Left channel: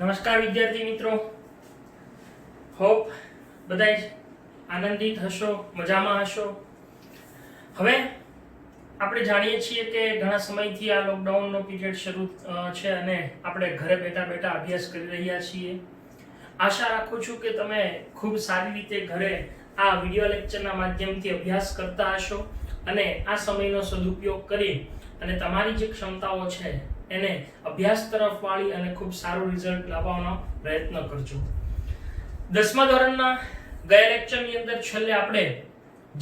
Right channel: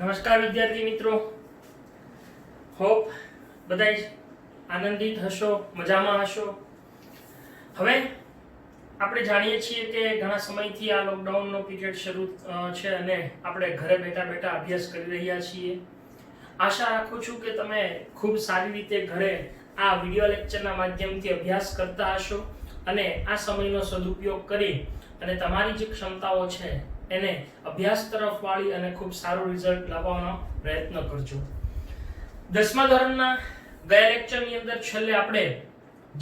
નમસ્કાર વિદ્યાર્થી મિત્રો, હોપ બધા આનંદિત હશો, મજામાં હશો. હવે આપણે જાણીએ છીએ કે ઘણા સમયથી આ લોકડાઉનનો પીરિયડ શરૂ છે અને આપણે ઘરે બેઠા બેઠા અભ્યાસ કરી રહ્યા છીએ. આશા રાખું છું કે તમે ખૂબ સારી રીતે ઘરે આ વિડિયો લેક્ચરના માધ્યમથી અભ્યાસ કરતા હશો અને આ સમયનો સદુપયોગ કરી અને તમારી જે ક્ષમતાઓ છે એને અભ્યાસ તરફ વાળી અને ખૂબ સારું રિઝલ્ટ લાવવાનો પ્રયત્ન કરજો. 10મા ધોરણના ગયા લેક્ચરની અંદર છેલ્લે આપણે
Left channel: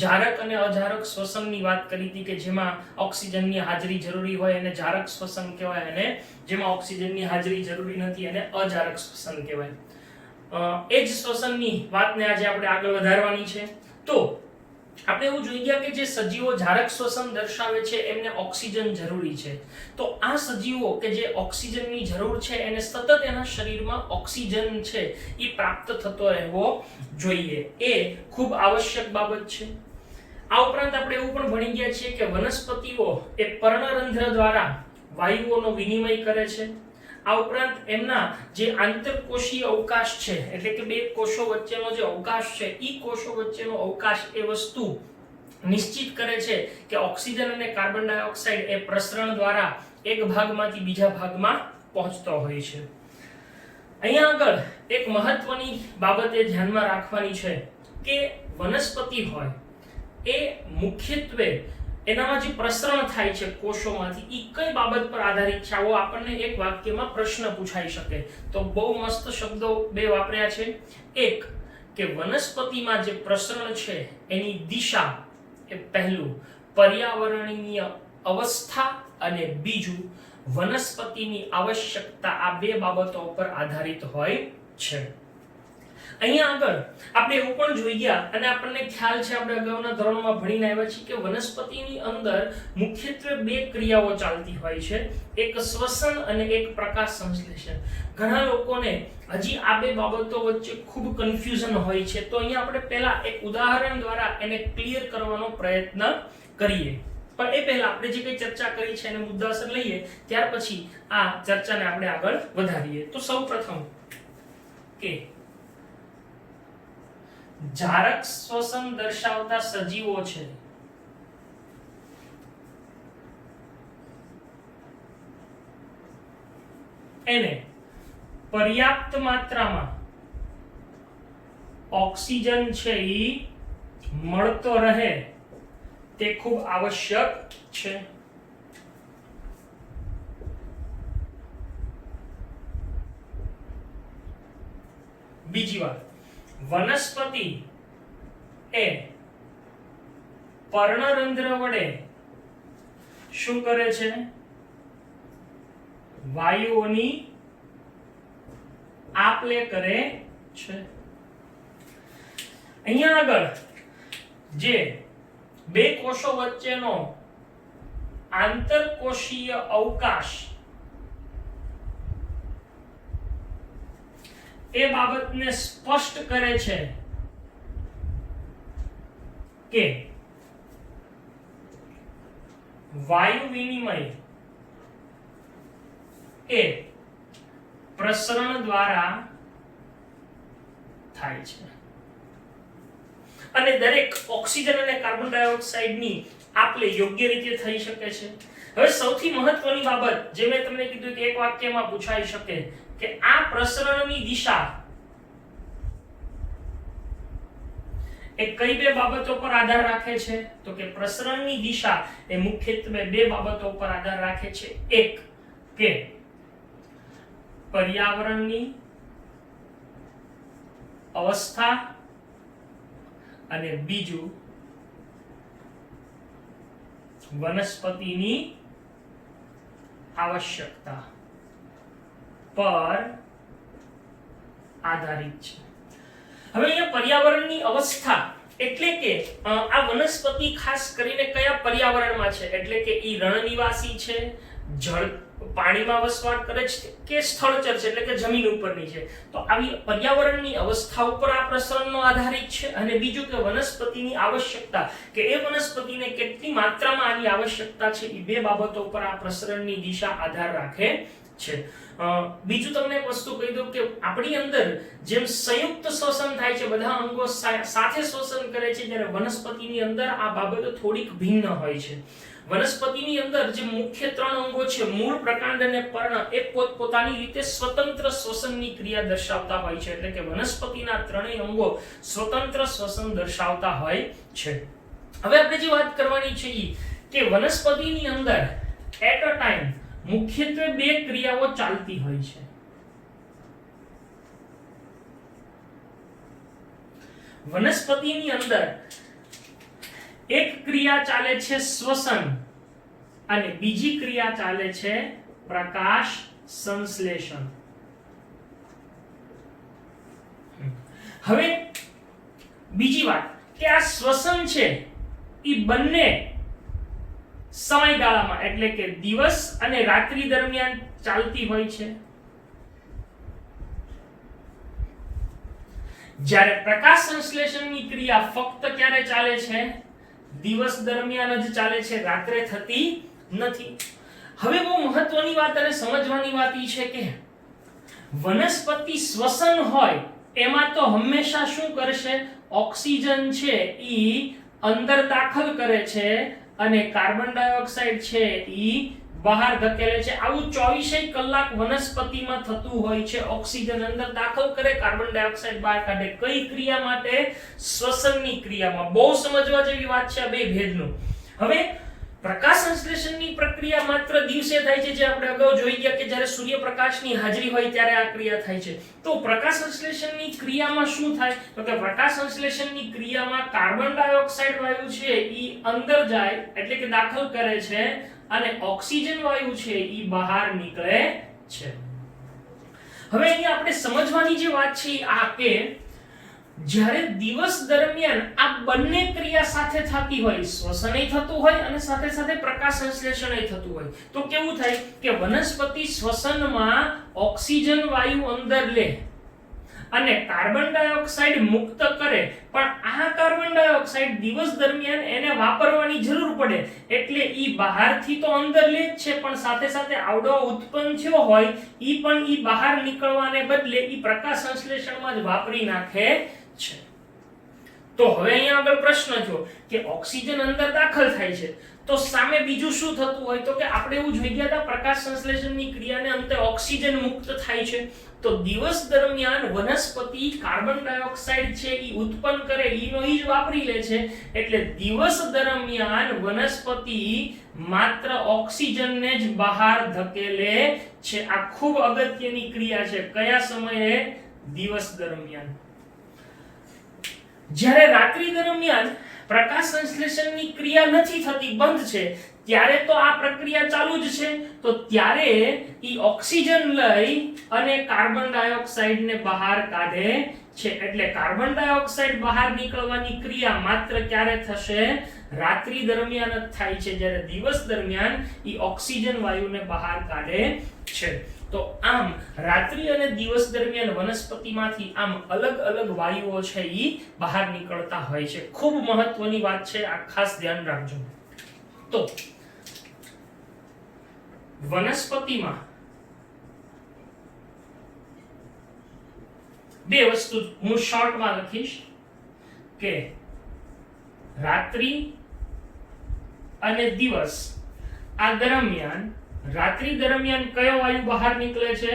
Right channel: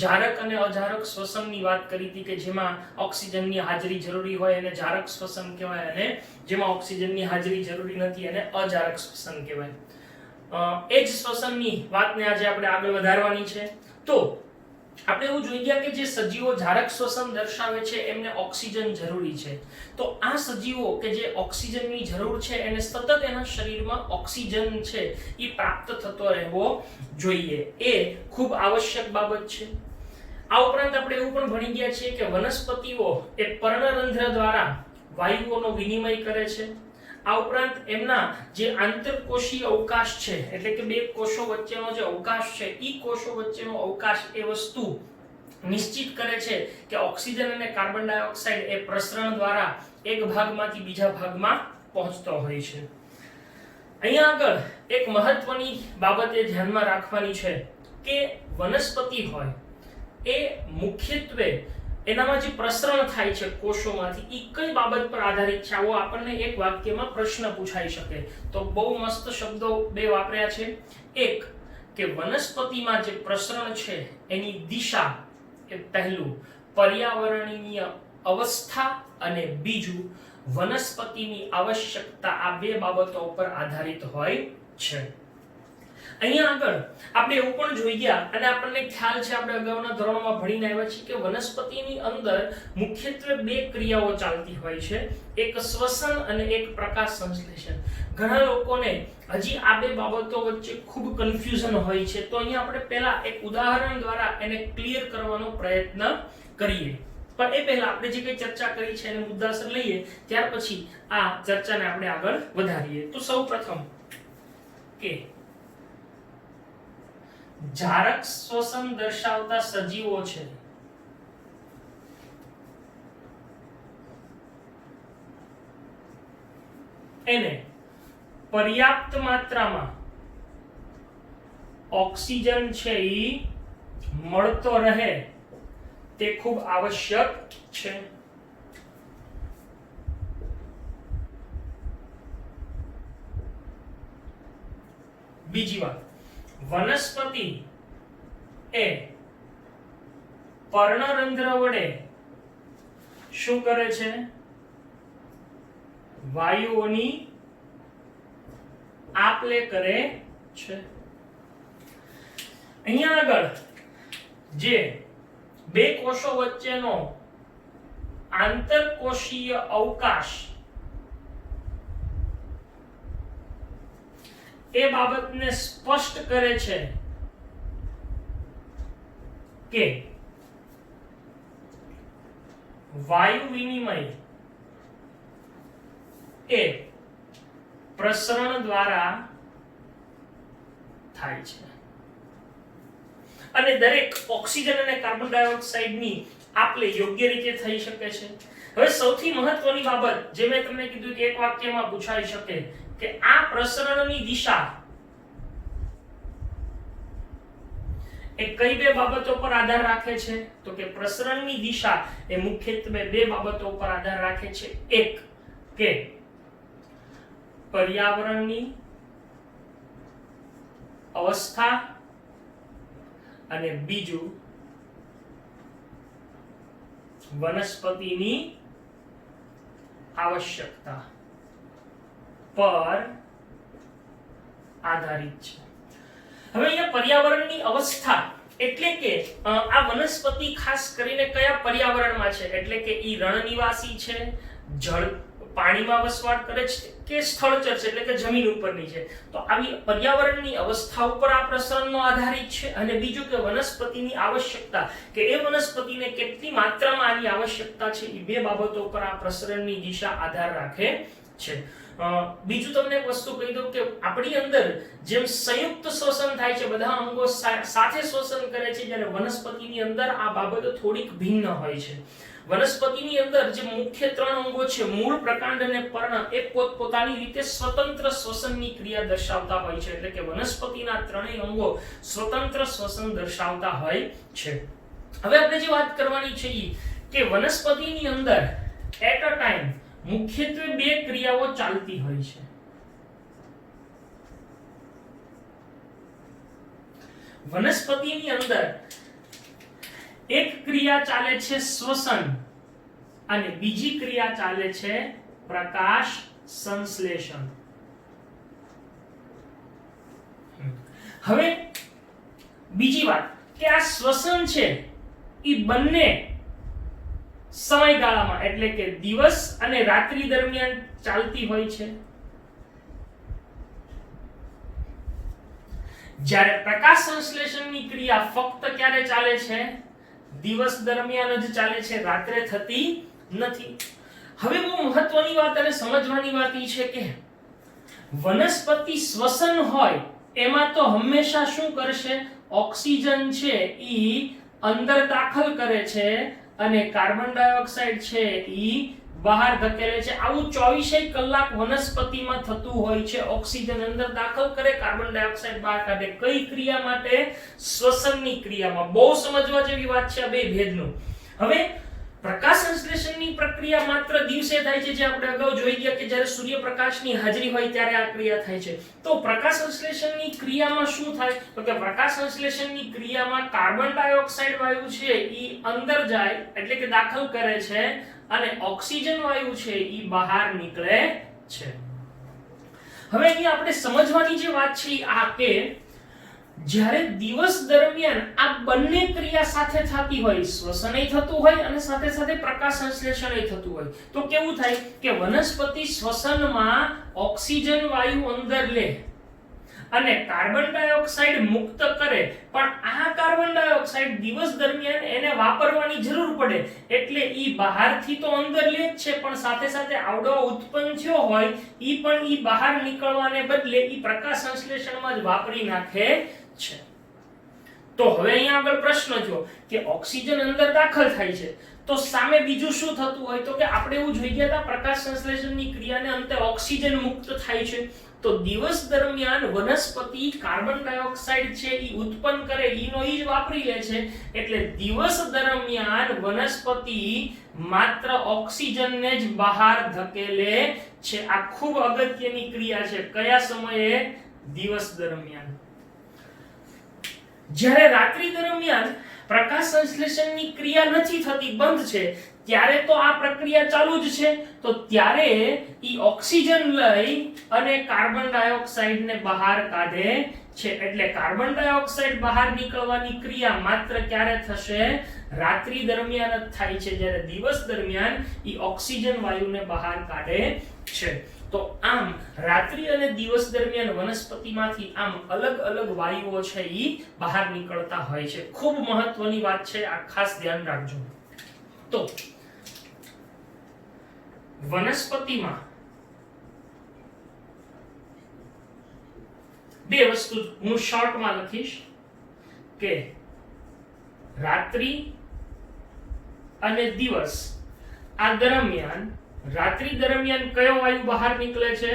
જારક અને અજારક શ્વસનની વાત કરી હતી કે જેમાં ઓક્સિજનની હાજરી જરૂરી હોય અને જારક શ્વસન કહેવાય અને જેમાં ઓક્સિજનની હાજરી જરૂરી નથી અને અજારક શ્વસન કહેવાય. એ જ શ્વસનની વાતને આજે આપણે આગળ વધારવાની છે. તો આપણે એવું જોઈ ગયા કે જે સજીવો જારક શ્વસન દર્શાવે છે એમને ઓક્સિજન જરૂરી છે. તો આ સજીવો કે જે ઓક્સિજનની જરૂર છે એને સતત એના શરીરમાં ઓક્સિજન છે એ પ્રાપ્ત થતો રહેવો જોઈએ. એ ખૂબ આવશ્યક બાબત છે. આ ઉપરાંત આપણે એવું પણ ભણી ગયા છીએ કે વનસ્પતિઓ એ પર્ણરંધ્ર દ્વારા વાયુઓનો વિનિમય કરે છે. આ ઉપરાંત એમના જે આંતરકોષીય અવકાશ છે એટલે કે બે કોષો વચ્ચેનો જે અવકાશ છે એ કોષો વચ્ચેનો અવકાશ એ વસ્તુ નિશ્ચિત કરે છે કે ઓક્સિજન અને કાર્બન ડાયોક્સાઇડ એ પ્રસરણ દ્વારા એક ભાગમાંથી બીજા ભાગમાં પહોંચતો હોય છે. અહીંયા આગળ એક મહત્વની બાબત એ ધ્યાનમાં રાખવાની છે કે વનસ્પતિ હોય એ મુખ્યત્વે એનામાં જે પ્રસરણ થાય છે કોષોમાંથી ઈ કઈ બાબત પર આધારિત છે. આવો આપણને એક વાક્યમાં પ્રશ્ન પૂછાઈ શકે. તો બહુ મસ્ત શબ્દો બે વાપર્યા છે. એક કે વનસ્પતિમાં જે પ્રસરણ છે એની દિશા એ પહેલું પર્યાવરણીય અવસ્થા અને બીજું વનસ્પતિની આવશ્યકતા. આ બે બાબતો પર આધારિત હોય છે. અહીંયા આગળ આપણે એવું પણ જોઈ ગયા અને આપણને ખ્યાલ છે આપણે અગાઉના ધોરણમાં ભણીને આવ્યા છીએ કે વનસ્પતિની અંદર મુખ્યત્વે બે ક્રિયાઓ ચાલતી હોય છે, એક શ્વસન અને એક પ્રકાશ સંશ્લેષણ. ઘણા લોકોને હજી આ બે બાબતો વચ્ચે ખૂબ કન્ફ્યુઝન હોય છે. તો અહીંયા આપણે પહેલા એક ઉદાહરણ દ્વારા એને ક્લિયર કરવાનો પ્રયત્ન કરીએ. પણ એ પહેલા આપણે જે કઈ ચર્ચા કરી છે એને મુદ્દાસર લઈએ, ત્યાર પછી આ ચર્ચાને આપણે આગળ વધારીએ. તો સૌપ્રથમ કે જારક શ્વસન દર્શાવતા સજીવો છે એને પર્યાપ્ત માત્રામાં ઓક્સિજન છે એ મળતો રહે તે ખૂબ આવશ્યક છે. બીજી વાત, વનસ્પતિ એ પર્ણરંધ્ર વડે શું કરે છે? વાયુઓની આપ-લે કરે છે. અહીંયા આગળ જે બે કોષો વચ્ચેનો આંતરકોષીય અવકાશ એ બાબતને સ્પષ્ટ કરે છે કે વાયુ વિનિમય એ પ્રસરણ દ્વારા થાય છે અને દરેક ઓક્સિજન અને કાર્બન ડાયોક્સાઇડની આપ-લે યોગ્ય રીતે થઈ શકે છે. હવે સૌથી મહત્વની બાબત જે મેં તમને કીધું કે એક વાક્યમાં પૂછાઈ શકે કે આ પ્રસરણની દિશા એ કઈ બે બાબતો પર આધાર રાખે છે? તો કે પ્રસરણની દિશા એ મુખ્યત્વે બે બાબતો પર આધાર રાખે છે. એક કે પર્યાવરણની અવસ્થા અને બીજું વનસ્પતિની આવશ્યકતા પર આધારિત છે. હવે અહીંયા પર્યાવરણની અવસ્થા એટલે કે આ વનસ્પતિ ખાસ કરીને કયા પર્યાવરણમાં છે? એટલે કે ઈ રણનિવાસી છે, જળ પાણીમાં વસવાટ કરે છે કે સ્થળચર છે એટલે કે જમીન ઉપરની છે? તો આવી પર્યાવરણની અવસ્થા ઉપર આ પ્રસરણનો આધારિત છે. અને બીજું કે વનસ્પતિની આવશ્યકતા કે એ વનસ્પતિને કેટલી માત્રામાં આની આવશ્યકતા છે એ બે બાબતો પર આ પ્રસરણની દિશા આધાર રાખે છે. બીજું તમને એક વસ્તુ કહી દઉં કે આપણી અંદર જેમ સંયુક્ત શ્વસન થાય છે, બધા અંગો સાથે શ્વસન કરે છે, જ્યારે વનસ્પતિની અંદર આ બાબતો થોડીક ભિન્ન હોય છે. વનસ્પતિની અંદર જે મુખ્ય 3 અંગો છે, મૂળ, પ્રકાંડ અને પર્ણ, એ પોતપોતાની રીતે સ્વતંત્ર શ્વસનની ક્રિયા દર્શાવતા હોય છે. એટલે કે વનસ્પતિના 3 અંગો સ્વતંત્ર શ્વસન દર્શાવતા હોય છે. હવે આપણે જે વાત કરવાની છે કે વનસ્પતિની અંદર એટ અ ટાઈમ મુખ્યત્વે 2 ક્રિયાઓ ચાલતી હોય છે. વનસ્પતિની અંદર એક ક્રિયા ચાલે છે શ્વસન અને બીજી ક્રિયા ચાલે છે પ્રકાશ સંશ્લેષણ. હવે બીજી વાત કે આ શ્વસન છે એ બંને સમયગાળામાં એટલે કે દિવસ અને રાત્રિ દરમિયાન ચાલતી હોય છે. જ્યારે પ્રકાશ સંશ્લેષણની ક્રિયા ફક્ત ક્યારે ચાલે છે? દિવસ દરમિયાન જ ચાલે છે, રાત્રે થતી નથી. હવે બહુ મહત્વની વાત અને સમજવાની વાત એ છે કે વનસ્પતિ શ્વસન હોય એમાં તો હંમેશા શું કરશે? ઓક્સિજન છે ઈ અંદર દાખલ કરે છે અને કાર્બન ડાયોક્સાઇડ છે ઈ બહાર ધકેલે છે. આવું 24 કલાક વનસ્પતિમાં થતું હોય છે. ઓક્સિજન અંદર દાખલ કરે, કાર્બન ડાયોક્સાઇડ બહાર કાઢે. કઈ ક્રિયા માટે? શ્વસનની ક્રિયામાં. બહુ સમજવા જેવી વાત છે આ બે ભેદનું. હવે પ્રકાશ સંશ્લેષણની પ્રક્રિયા માત્ર દિવસે થાય છે, જે આપણે અગાઉ જોઈ ગયા કે જ્યારે સૂર્યપ્રકાશની હાજરી હોય ત્યારે આ ક્રિયા થાય છે. તો પ્રકાશ સંશ્લેષણની ક્રિયામાં શું થાય? તો કે પ્રકાશ સંશ્લેષણની ક્રિયામાં કાર્બન ડાયોક્સાઇડ વાયુ છે ઈ અંદર જાય એટલે કે દાખલ કરે છે અને ઓક્સિજન વાયુ છે ઈ બહાર નીકળે છે. હવે અહીં આપણે સમજવાની જે વાત છે આ કે જ્યારે દિવસ દરમિયાન આ બંને ક્રિયા સાથે થતી હોય, શ્વસનય થતું હોય અને સાથે સાથે પ્રકાશ સંશ્લેષણય થતું હોય, તો કેવું થાય કે વનસ્પતિ શ્વસનમાં ઓક્સિજન વાયુ અંદર લે અને કાર્બન ડાયોક્સાઇડ મુક્ત કરે. પણ આ કાર્બન ડાયોક્સાઇડ દિવસ દરમિયાન એને વાપરવાની જરૂર પડે એટલે ઈ બહારથી તો અંદર લે જ છે, પણ સાથે સાથે આવડો ઉત્પન્ન થયો હોય ઈ પણ ઈ બહાર નીકળવાને બદલે ઈ પ્રકાશ સંશ્લેષણમાં જ વાપરી નાખે છે. તો હવે અહીંયા આગળ પ્રશ્ન થયો કે ઓક્સિજન અંદર દાખલ થાય છે તો સામે બીજું શું થતું હોય? તો કે આપણે એવું જોઈ ગયા હતા પ્રકાશ સંશ્લેષણની ક્રિયાને અંતે ઓક્સિજન મુક્ત થાય છે. તો દિવસ દરમિયાન વનસ્પતિ કાર્બન ડાયોક્સાઇડ છે ઈ ઉત્પન્ન કરે, ઈનો ઈ જ વાપરી લે છે. એટલે દિવસ દરમિયાન વનસ્પતિ માત્ર ઓક્સિજનને જ બહાર ધકેલે છે. આ ખૂબ અગત્યની ક્રિયા છે. કયા સમયે? દિવસ દરમિયાન. જ્યારે રાત્રિ દરમિયાન પ્રકાશ સંશ્લેષણની ક્રિયા નથી થતી, બંધ છે, ત્યારે તો આ પ્રક્રિયા ચાલુ જ છે. તો ત્યારે ઈ ઓક્સિજન લઈ અને કાર્બન ડાયોક્સાઇડ ને બહાર કાઢે છે. એટલે કાર્બન ડાયોક્સાઇડ બહાર નીકળવાની ક્રિયા માત્ર ક્યારે થશે? રાત્રિ દરમિયાન જ થાય છે, જ્યારે દિવસ દરમિયાન ઈ ઓક્સિજન વાયુને બહાર કાઢે છે. તો આમ રાત્રિ અને દિવસ દરમિયાન વનસ્પતિમાંથી આમ અલગ અલગ વાયુઓ છે ઈ બહાર નીકળતા હોય છે. ખૂબ મહત્વની વાત છે, આ ખાસ ધ્યાન રાખજો. તો વનસ્પતિમાં બે વસ્તુ હું શોર્ટમાં લખીશ કે રાત્રિ અને દિવસ આ દરમિયાન, રાત્રિ દરમિયાન કયો વાયુ બહાર નીકળે છે?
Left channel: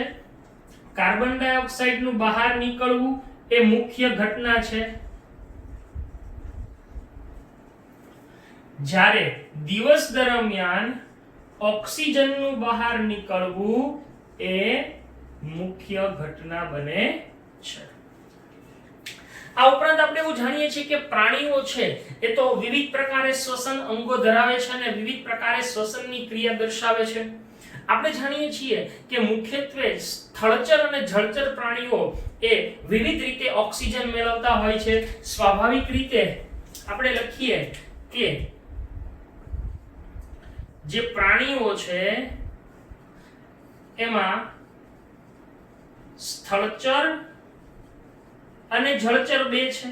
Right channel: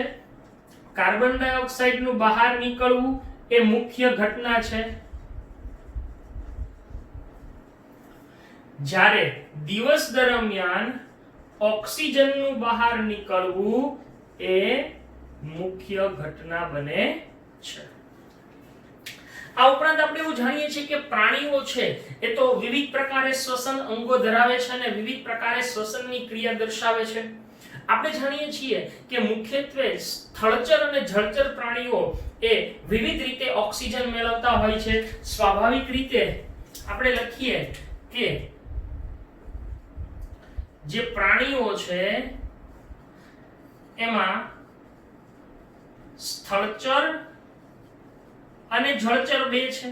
કાર્બન ડાયોક્સાઇડ નું બહાર નીકળવું એ મુખ્ય ઘટના છે. જ્યારે દિવસ દરમિયાન ઓક્સિજન નું બહાર નીકળવું એ મુખ્ય ઘટના બને છે. આ ઉપરાંત આપણે એવું જાણીએ છીએ કે પ્રાણીઓ છે એ તો વિવિધ પ્રકારે શ્વસન અંગો ધરાવે છે અને વિવિધ પ્રકારે શ્વસનની ક્રિયા દર્શાવે છે. આપણે જાણીએ છીએ કે મુખ્યત્વે સ્થળચર અને જળચર પ્રાણીઓ એ વિવિધ રીતે ઓક્સિજન મેળવતા હોય છે. સ્વાભાવિક રીતે આપણે લખીએ કે જે પ્રાણીઓ છે એમાં સ્થળચર અને જળચર બે છે.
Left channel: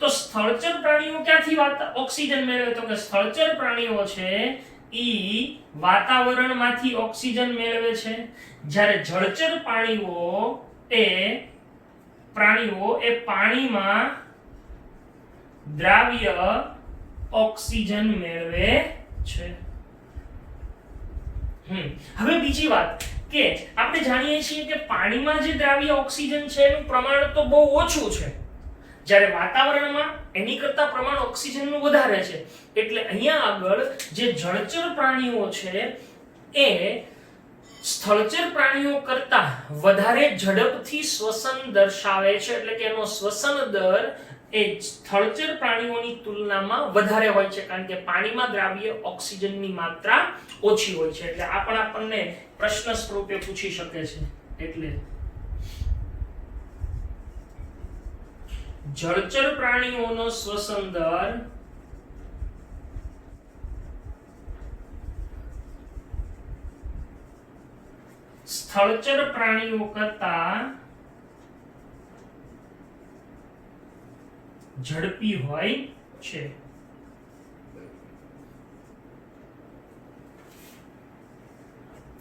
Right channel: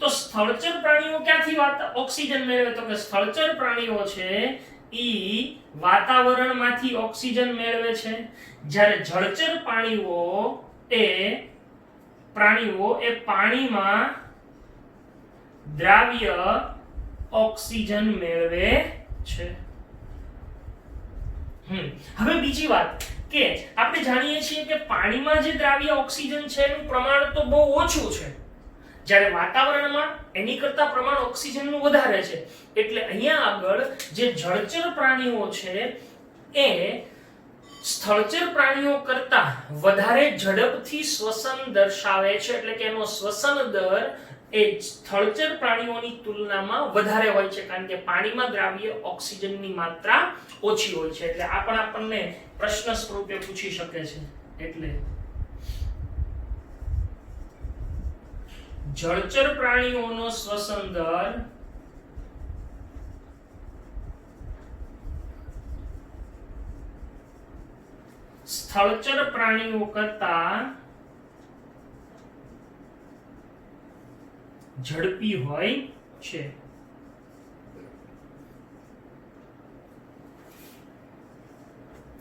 તો સ્થળચર પ્રાણીઓ ક્યાંથી ઓક્સિજન મેળવે? તો કે સ્થળચર પ્રાણીઓ છે ઈ વાતાવરણમાંથી ઓક્સિજન મેળવે છે, જ્યારે જળચર પ્રાણીઓ એ પાણીમાં દ્રાવ્ય ઓક્સિજન મેળવે છે. હવે બીજી વાત કે આપણે જાણીએ છીએ કે પાણીમાં જે દ્રાવ્ય ઓક્સિજન છે એનું પ્રમાણ તો બહુ ઓછું છે, જ્યારે વાતાવરણમાં એની કરતા પ્રમાણ ઓક્સિજનનું વધારે છે. એટલે અહીંયા આગળ જે જળચર પ્રાણીઓ છે એ સ્થળચર પ્રાણીઓ કરતા વધારે ઝડપથી શ્વસન દર્શાવે છે, એટલે કે એનો શ્વસન દર એ સ્થળચર પ્રાણીઓની તુલનામાં વધારે હોય છે, કારણ કે પાણીમાં દ્રાવ્ય ઓક્સિજનની માત્રા ઓછી હોય છે. એટલે આ પણ આપણને પ્રશ્ન સ્વરૂપે પૂછી શકે છે. એટલે જળચર પ્રાણીઓનો શ્વસન દર સ્થળચર પ્રાણીઓ કરતા ઝડપી હોય છે.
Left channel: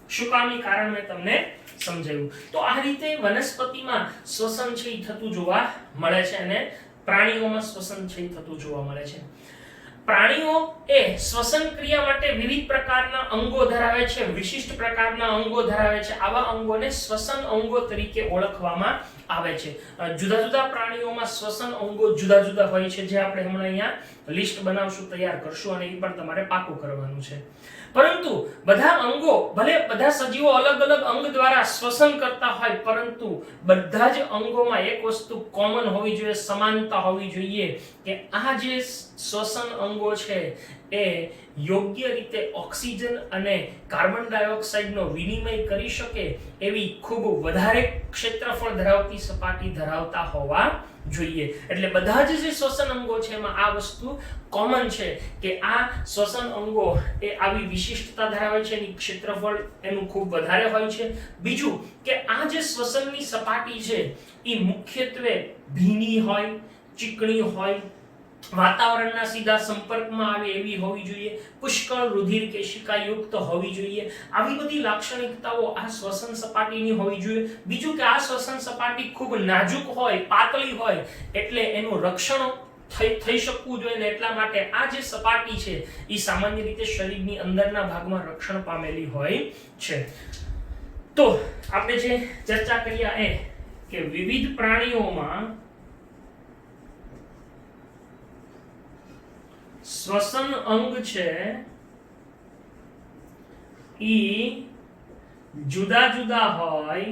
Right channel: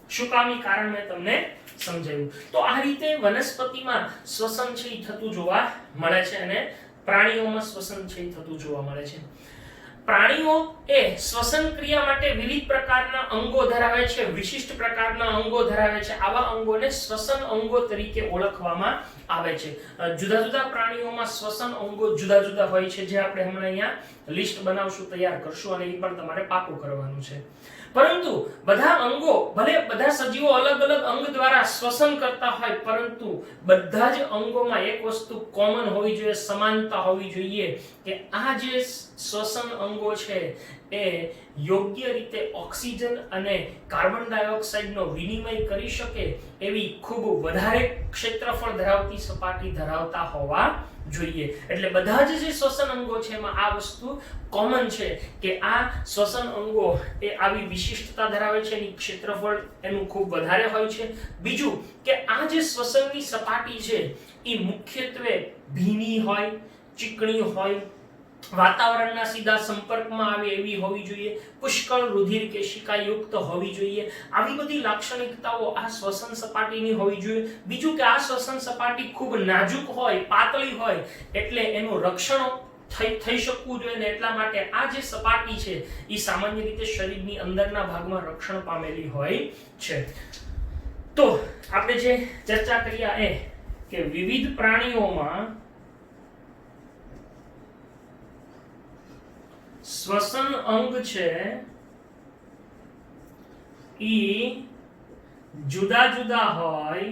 શું કામની કારણ મેં તમને સમજાવ્યું. તો આ રીતે વનસ્પતિમાં શ્વસન છે એ થતું જોવા મળે છે અને પ્રાણીઓમાં શ્વસન છે એ થતું જોવા મળે છે. પ્રાણીઓ એ શ્વસન ક્રિયા માટે વિવિધ પ્રકારના અંગો ધરાવે છે, વિશિષ્ટ પ્રકારના અંગો ધરાવે છે. આવા અંગોને શ્વસન અંગો તરીકે ઓળખવામાં આવે છે. જુદા જુદા પ્રાણીઓમાં શ્વસન અંગો જુદા જુદા હોય છે, જે આપણે હમણાં અહીંયા લિસ્ટ બનાવશું, તૈયાર કરશું અને એ પણ તમારે પાકું કરવાનું છે. પરંતુ બધા અંગો, ભલે બધા સજીવો અલગ અલગ અંગ દ્વારા શ્વસન કરતા હોય, પરંતુ બધા જ અંગોમાં એક વસ્તુ કોમન હોવી જોઈએ, સમાનતા હોવી જોઈએ કે આ જે શ્વસન અંગો છે એ યોગ્ય રીતે ઓક્સિજન અને કાર્બન ડાયોક્સાઇડનો વિનિમય કરી શકે એવી ખૂબ વધારે ક્ષેત્રફળ ધરાવતી સપાટી ધરાવતા હોવા જોઈએ. એટલે બધા જ જે શ્વસન અંગો છે એમાં આ વસ્તુ કોમન છે કે આ શ્વસન અંગો એ આવી વિશિષ્ટતા ધરાવે છે, એની ક્ષેત્રફળ એનું ખૂબ વધારે હોય છે. બીજું કે આ જે શ્વસનની સપાટી છે એ મુખ્યત્વે ભીની હોય, ચીકણી હોય, વાતાવરણના સીધા સંપર્કમાં આવે એવી હોવી જોઈએ, પુષ્કળ રુધિર કેશિકા યુક્ત હોવી જોઈએ. આવી બધી લાક્ષણિકતાઓ આ શ્વસન સપાટીની હોવી જોઈએ. બીજું કે આ શ્વસન સપાટી ખૂબ નાજુક હોય, પાતળી હોય, એટલે એનું રક્ષણ થઈ શકવું જોઈએ ને એટલા માટે આ જે સપાટી છે એ સામાન્ય રીતે શરીરની અંદરના ભાગમાં રક્ષણ પામેલી હોય છે. તો આપણે જે ચર્ચા કર્યા એ કે વિવિધ પ્રાણીઓમાં શ્વસન અંગ છે ઈ જુદા જુદા હોય,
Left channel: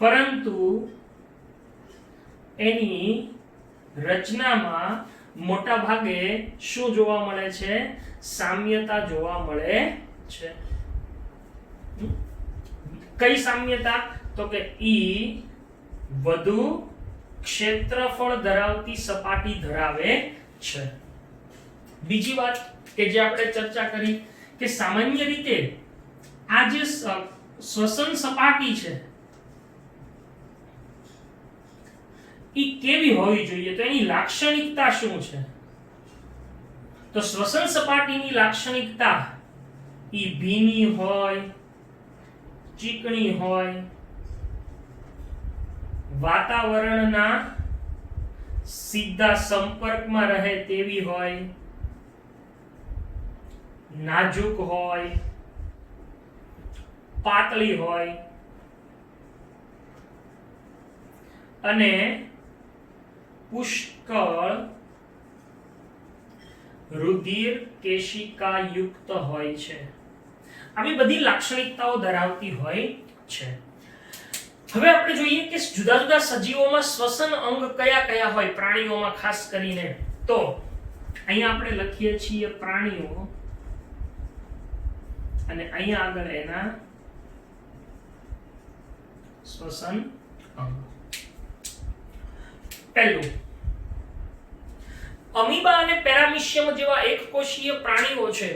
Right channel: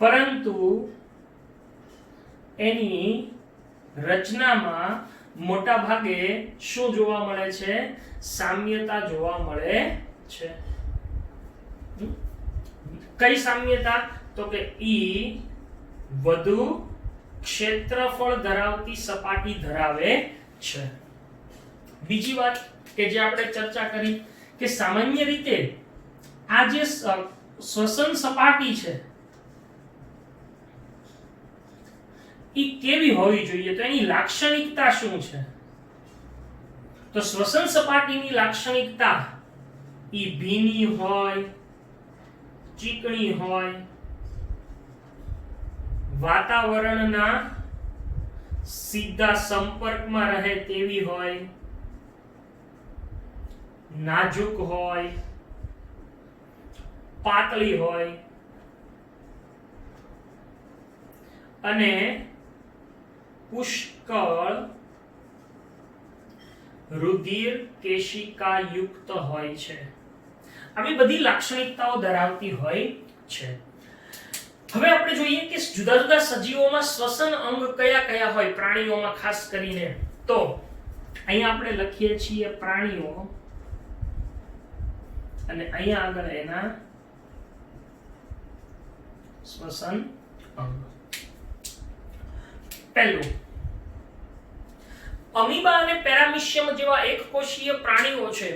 પરંતુ એની રચનામાં મોટા ભાગે શું જોવા મળે છે? સામ્યતા જોવા મળે છે. કઈ સામ્યતા? તો કે ઈ વધુ ક્ષેત્રફળ ધરાવતી સપાટી ધરાવે છે. બીજી વાત કે જે આપણે ચર્ચા કરી કે સામાન્ય રીતે આ જે શ્વસન સપાટી છે એ કેવી હોવી જોઈએ? તો એની લાક્ષણિકતા શું છે? તો શ્વસન સપાટીની લાક્ષણિકતા એ ભીની હોય, ચીકણી હોય, વાતાવરણના સીધા સંપર્કમાં રહે તેવી હોય, નાજુક હોય, પાતળી હોય અને પુષ્કળ રુધિર કેશિકા યુક્ત હોય છે. આવી બધી લાક્ષણિકતાઓ ધરાવતી હોય છે. હવે આપણે જોઈએ કે જુદા જુદા સજીવોમાં શ્વસન અંગ કયા કયા હોય, પ્રાણીઓમાં ખાસ કરીને. તો અહીંયા આપણે લખીએ છીએ પ્રાણીઓ અને અહીંયા આગળ એના શ્વસન અંગ. પહેલું, અમીબા અને પેરામીશિયમ જેવા એકકોષીય પ્રાણીઓ છે.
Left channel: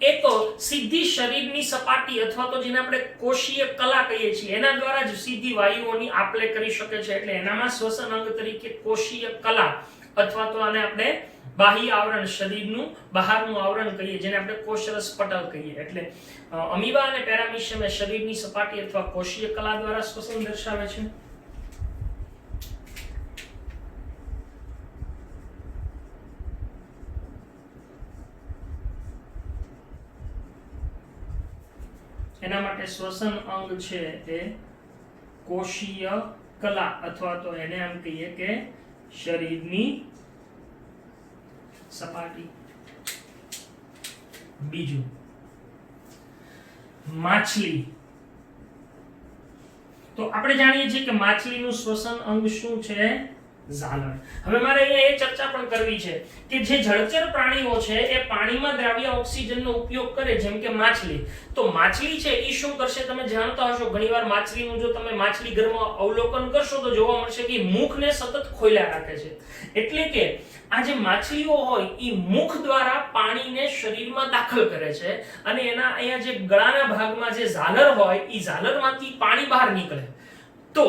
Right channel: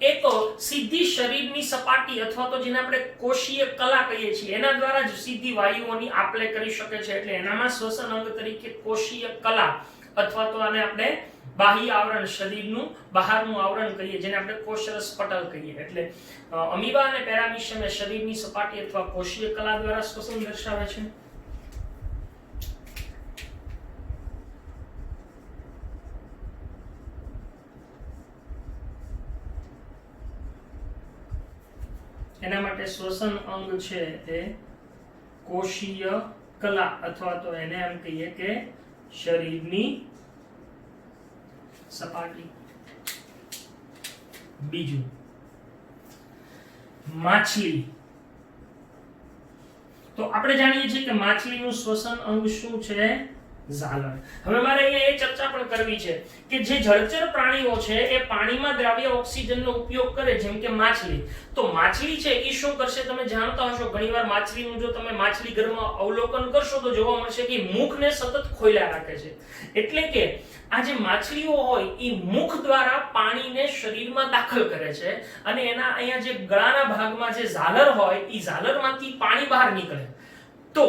એક સીધી શરીરની સપાટી અથવા તો જેને આપણે કોષીય કલા કહીએ છીએ એના દ્વારા જ સીધી વાયુઓની આપ-લે કરી શકે છે. એટલે એનામાં શ્વસન અંગ તરીકે કોષીય કલા અથવા તો આને આપણે બાહ્ય આવરણ, શરીરનું બહારનું આવરણ કહીએ, જેને આપણે કોષરસ પટલ કહીએ. એટલે અમીબા અને પેરામીશિયમ એ શરીરની સપાટી અથવા કોષીય કલા દ્વારા શ્વસન દર્શાવે છે. એના માટે શ્વસન અંગ છે એ કોષીય કલા અથવા તો એને એમ કહીએ કે શરીરની સપાટી. બીજું, માછલી. તો આપણે જાણીએ છીએ કે માછલીનું શ્વસન અંગ શું છે? ઝાલર. હવે મારે અહીંયા એ ચર્ચા પણ કરવી છે કે જે જળચર પ્રાણીઓ છે એ પાણીમાં દ્રાવ્ય ઓક્સિજનનો ઉપયોગ કરે, જેમ કે માછલી. તો માછલી છે એ શું કરશે? તમે જાણતા હશો, ઘણીવાર માછલીનું જો તમે માછલી ઘરમાં અવલોકન કરશો તો જોવા મળશે કે મુખને સતત ખોલ્યા રાખે છે. એટલે કે આ જે માછલીઓ હોય એ મુખ દ્વારા પાણીને શરીરમાં દાખલ કરે છે અને એના અહીંયા જે ગળાના ભાગમાં જે ઝાલર હોય એ ઝાલરમાંથી પાણી બહાર નીકળે. તો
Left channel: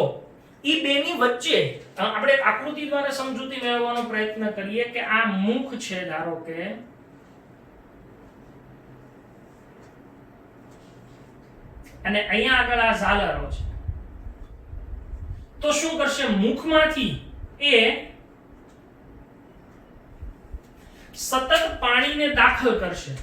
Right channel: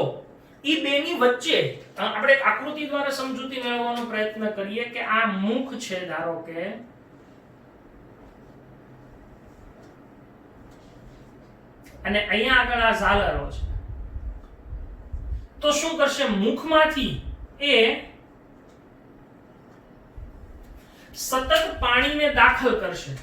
ઈ બેની વચ્ચે આપણે એક આકૃતિ દ્વારા સમજૂતી મેળવવાનો પ્રયત્ન કરીએ કે આ મુખ છે, ધારો કે અને અહીંયા આગળ આ ઝાલરો છે. તો શું કરશે? મુખમાંથી એ સતત પાણીને દાખલ કરશે.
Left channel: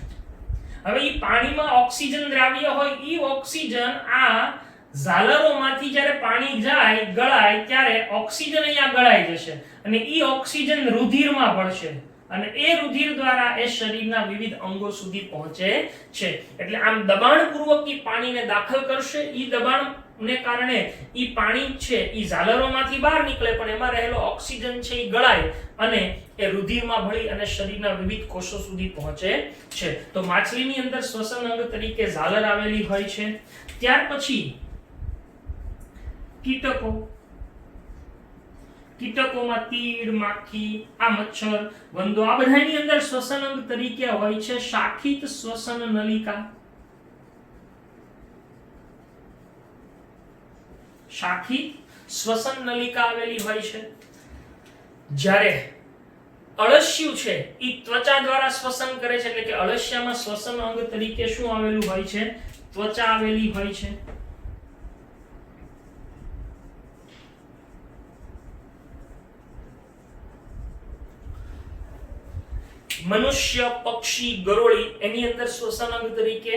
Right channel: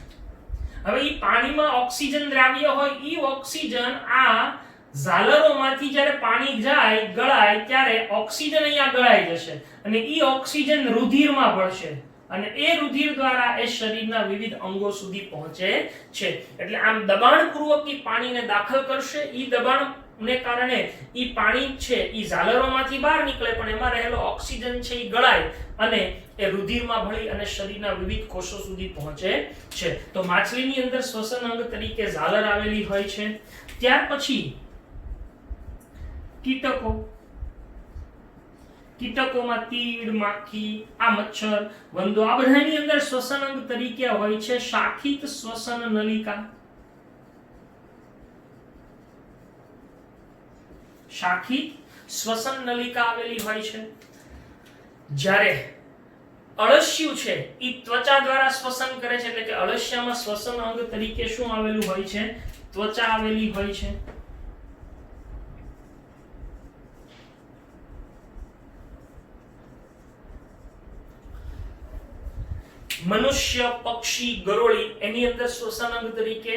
હવે ઈ પાણીમાં ઓક્સિજન દ્રાવ્ય હોય, ઈ ઓક્સિજન આ ઝાલરોમાંથી જ્યારે પાણી જાય, ગળાય, ત્યારે ઓક્સિજન અહીંયા ગળાઈ જશે અને ઈ ઓક્સિજન રુધિરમાં ભળશે અને એ રુધિર દ્વારા એ શરીરના વિવિધ અંગો સુધી પહોંચે છે. એટલે આમ દબાણપૂર્વક ઈ પાણીને દાખલ કરશે. ઈ દબાણને કારણે ઈ પાણી છે ઈ ઝાલરોમાંથી બહાર નીકળે, પણ એમાં રહેલો ઓક્સિજન છે ઈ ગળાય અને એ રુધિરમાં ભળી અને શરીરના વિવિધ કોષો સુધી પહોંચે છે. તો માછલીની અંદર શ્વસન અંગ તરીકે ઝાલર આવેલી હોય છે. ત્યાર પછી કીટકો. કીટકોમાં તીડ, માખી, આ મચ્છર, વંદો, આ બધાની અંદર શ્વસન અંગ તરીકે હોય છે શાખિત શ્વસન નલિકા. શાખિત શ્વસન નલિકા આવેલી હોય છે. જ્યારે અળસિયું છે એ ત્વચા દ્વારા શ્વસન કરે છે, એટલે કે અળસિયામાં શ્વસન અંગ તરીકે શું આવેલું હોય છે? ત્વચા આવેલી હોય છે. મનુષ્ય, પક્ષી, ગરોળી એની અંદર શ્વસન અંગ તરીકે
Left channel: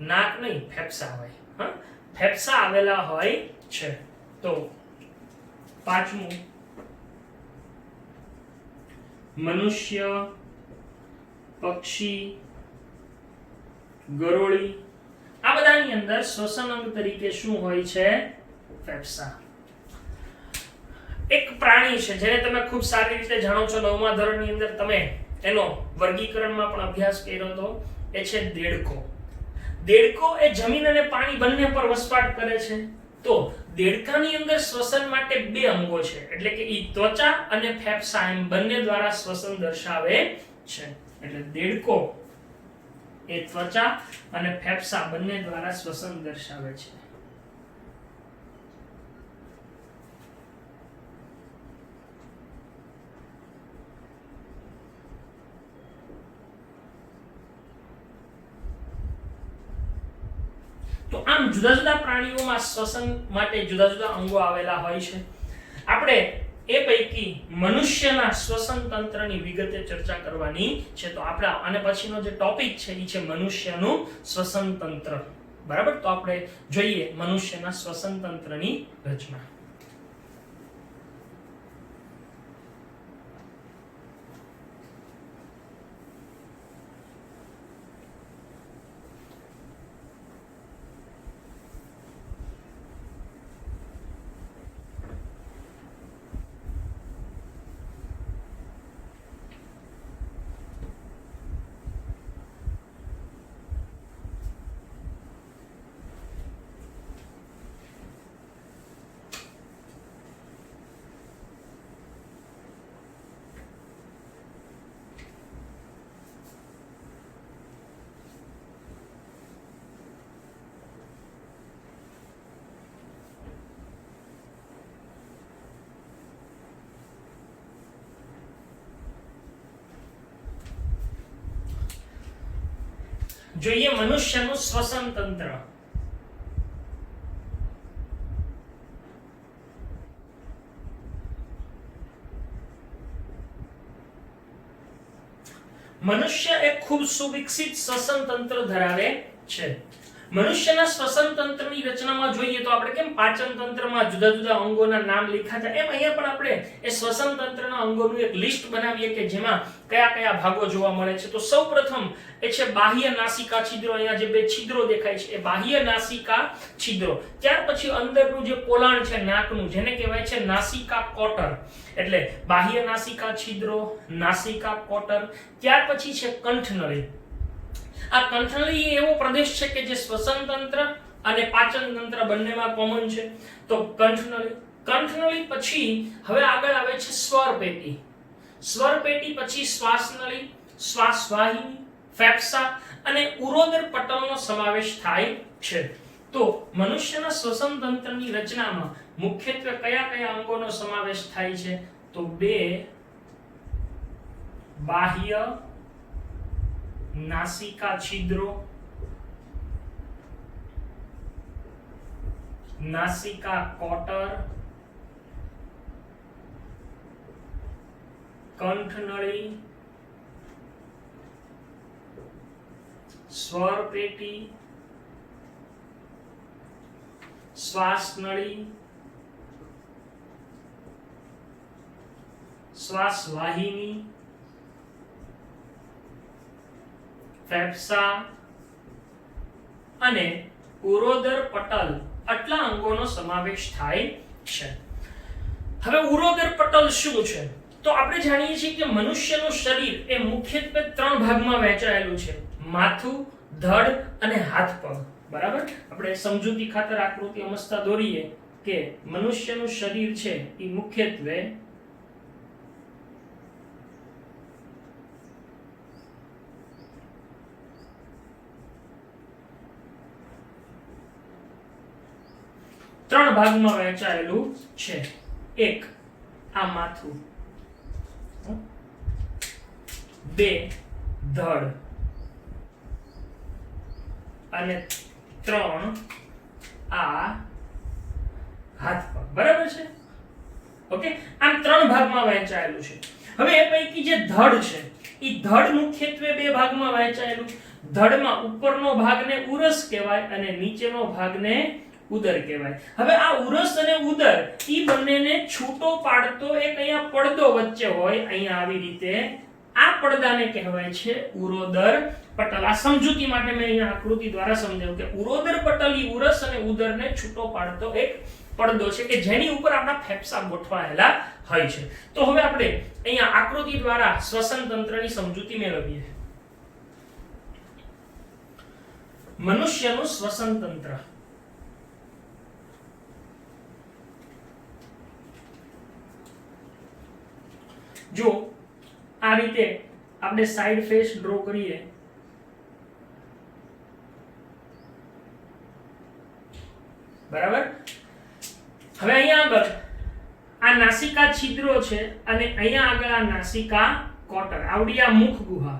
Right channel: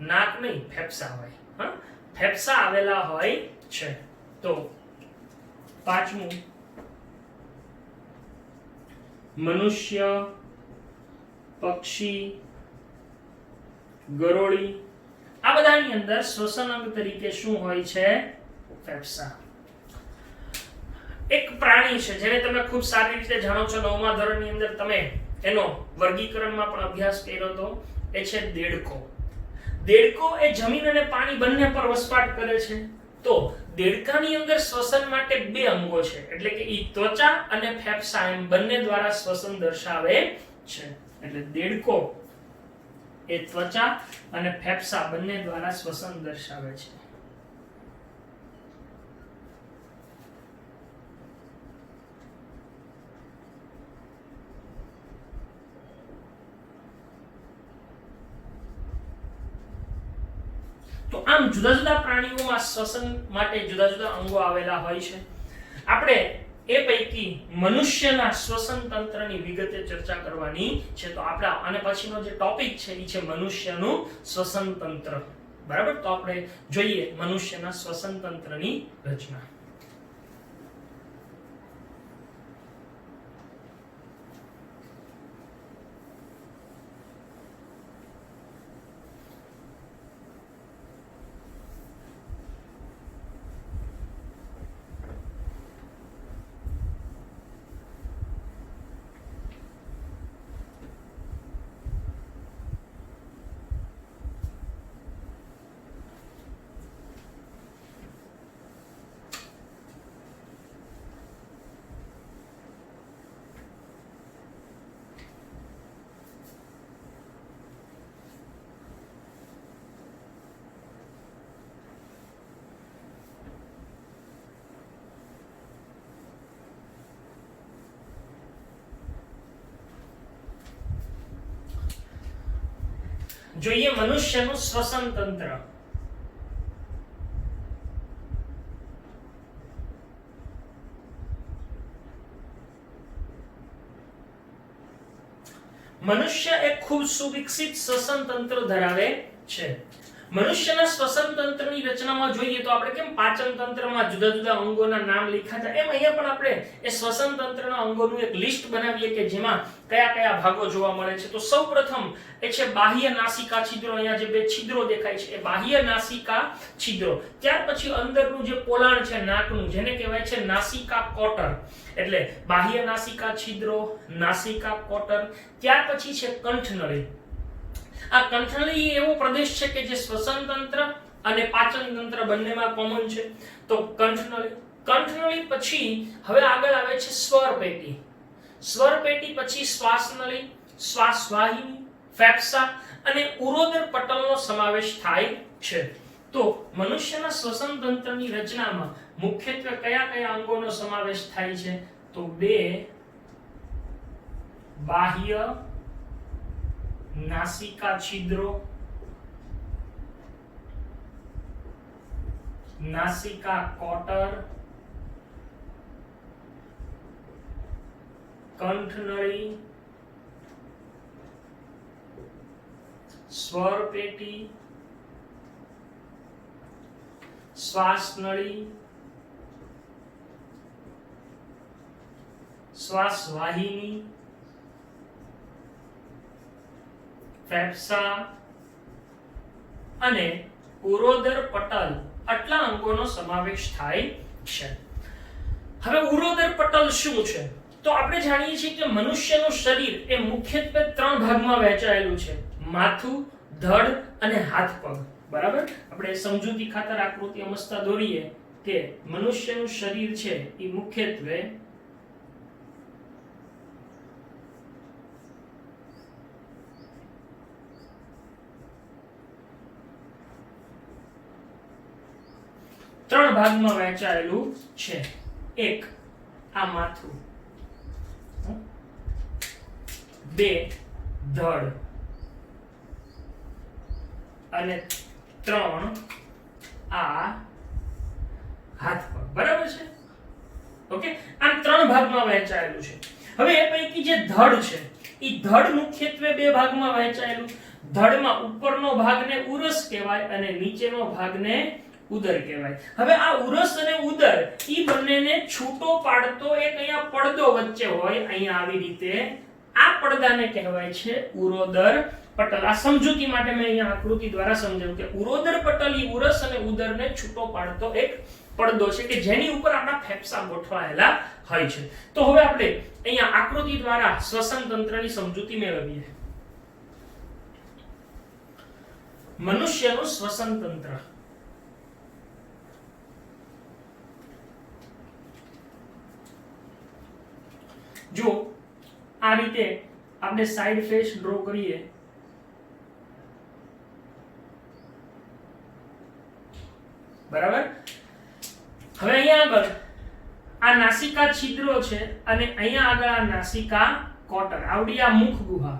નાક નહીં, ફેફસા હોય. ફેફસા આવેલા હોય છે. તો પાંચમું, મનુષ્ય, પક્ષી, ગરોળી આ બધાની અંદર શ્વસન અંગ તરીકે શું હોય છે? ફેફસા. એક પ્રાણી છે જેને તમે ખૂબ સારી રીતે જાણો છો, 9મા ધોરણની અંદર તમે એનો વર્ગીકરણમાં પણ અભ્યાસ કર્યો હતો, એ છે દેડકો. દેડકો એ જમીન અને પાણી બંને પર વસવાટ કરે છે. તો દેડકાની અંદર શ્વસન માટે બે અંગો છે, એટલે કે ઈ ત્વચા અને ફેફસા એમ બંને દ્વારા શ્વસન દર્શાવે છે. એટલે દેડકો એ ત્વચા અને ફેફસા બંને દ્વારા શ્વસન દર્શાવે છે. તો આમ જુદા જુદા પ્રાણીઓમાં શ્વસન માટે જુદા જુદા અંગો આવેલા હોય છે. આપણે એ પૈકી મનુષ્યના શ્વસન તંત્રની વિગતે ચર્ચા કરવાની છે. તો આપણા આને પછીનો જે ટોપિક છે એ છે મનુષ્યનું શ્વસન તંત્ર. બરાબર? તો આપણે જોઈએ મનુષ્યના શ્વસન તંત્રની રચના. જોઈએ મનુષ્યનું શ્વસન તંત્ર. મનુષ્ય એક ખૂબ સુવિકસિત શ્વસન તંત્ર ધરાવે છે. મનુષ્યના શ્વસન તંત્રની રચનામાં જોઈએ તો આપણે કેમ પાચન તંત્રમાં જુદા જુદા અંગોના નામ લખ્યા છે, એમ અહીંયા પણ આપણે એ શ્વસન તંત્રના અંગોનું એક લિસ્ટ બનાવીએ કે જેમાં કયા કયા ભાગો જોવા મળે છે. તો સૌપ્રથમ એ છે બાહ્ય નાસિકા છિદ્રો. અહીંયા જે બે છિદ્રો દેખાય છે એ બાહ્ય નાસિકા છિદ્રો. ત્યાર પછી અંદરનું જે પોલાણ છે નાકનું, જેને કહેવાય છે નાસિકા કોટર, એટલે બાહ્ય નાસિકા છિદ્રો, નાસિકા કોટર. ત્યાર પછી છે કંઠનળી. આ કંઠનળી એવો પ્રદેશ છે કે જે શ્વસન તંત્ર અને પાચન તંત્ર બંનેમાં કોમન છે. તો કંઠનળી પછી હવે આગળ આવે છે સ્વર પેટી. સ્વર પેટી પછી શ્વાસનળી, શ્વાસવાહિની, ફેફસા અને ઉરોદર પટલનો સમાવેશ થાય છે. તો મનુષ્યના શ્વસન તંત્રની રચનામાં મુખ્યત્વે કયા કયા અંગોનો સમાવેશ થાય છે? તો બે બાહ્ય નાસિકા છિદ્રો, નાસિકા કોટર, કંઠનળી, સ્વર પેટી, શ્વાસનળી, શ્વાસવાહિની, ફેફસા અને ઉરોદર પટલ, આટલા અંગોનો સમાવેશ થાય છે. હવે ઉરોદર પટલ શું છે? તો આપણે જાણીએ છીએ કે મનુષ્યનું શરીર એ મુખ્યત્વે 3 ભાગમાં વહેંચાયેલું છે: માથું, ધડ અને હાથ પગ. બરાબર? આપણે સમજૂતી ખાતર આકૃતિ અમસ્તા દોરીએ કે મનુષ્યનું શરીર છે એ મુખ્યત્વે 3 ભાગમાં વહેંચાયેલું છે. એક આ માથું, 2 ધડ અને 3 આ હાથ પગ. બરાબર છે? ઓકે, આમ 3 ભાગમાં વહેંચાયેલું છે. હવે એ પૈકી જે ધડ છે એ ધડ મુખ્યત્વે 2 ભાગમાં વહેંચાયેલું. ધડમાં ઉપરનો ભાગને ઉરસ કહેવાય અને નીચેનો ભાગને ઉદર કહેવાય. હવે આ ઉરસ અને ઉદર ઈ બંનેને છૂટો પાડતો એક અહીંયા પડદો વચ્ચે હોય, અહીંયા આવી રીતે. આ પડદાને કહેવાય છે ઉરોદર પટલ. આ સમજૂતી માટે મેં અહીંયા આકૃતિ દ્વારા સમજાવ્યું કે ઉરોદર પટલ ઈ ઉરસ અને ઉદરને છૂટો પાડતો એક પડદો છે કે જેની ઉપર આપણા ફેફસા ગોઠવાયેલા હોય છે. તો હવે આપણે અહીંયા આકૃતિ દ્વારા શ્વસન તંત્રની સમજૂતી મેળવીએ. મનુષ્યનું શ્વસન તંત્ર. જો આ રીતે આપણે સાઈડ ફેસ ડ્રો કરીએ, બરાબર? હવે અહીંયા આગળ આ નાસિકા છિદ્રો છે અને અહીંયા આગળ આ નાસિકા કોટર, આવડી આ મુખ ગુહા.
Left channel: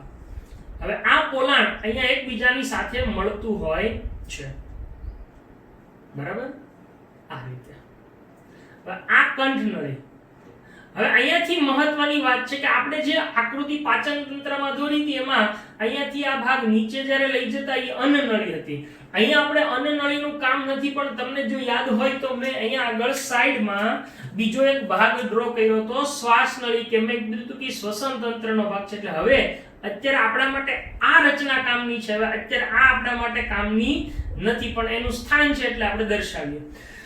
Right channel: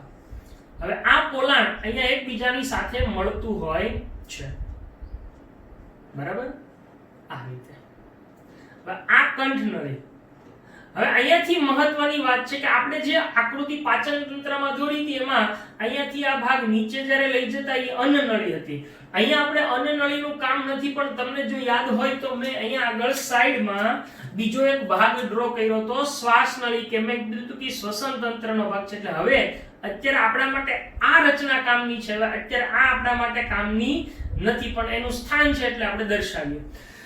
હવે આ પોલાણ અહીંયા એકબીજાની સાથે મળતું હોય છે, બરાબર? આ રીતે. હવે આ કંઠનળી. હવે અહીંયાથી મહત્વની વાત છે કે આપણે જે આકૃતિ પાચન તંત્રમાં દોરી હતી એમાં અહીંયાથી આ ભાગ નીચે જ્યારે લઈ જતા એ અન્નનળી હતી. અહીંયા આપણે અન્નનળીનું કામ નથી, પણ તમને જો યાદ હોય તો મેં અહીંયા આગળ સાઈડમાં બીજો એક ભાગ ડ્રો કર્યો હતો, શ્વાસનળી, કે મેં કીધું કે શ્વસન તંત્રનો ભાગ છે. એટલે હવે અત્યારે આપણા માટે આ રચના કામની છે, હવે અત્યારે આ આપણા માટે કામની નથી, પણ એનું સ્થાન છે એટલે આપણે દર્શાવીએ.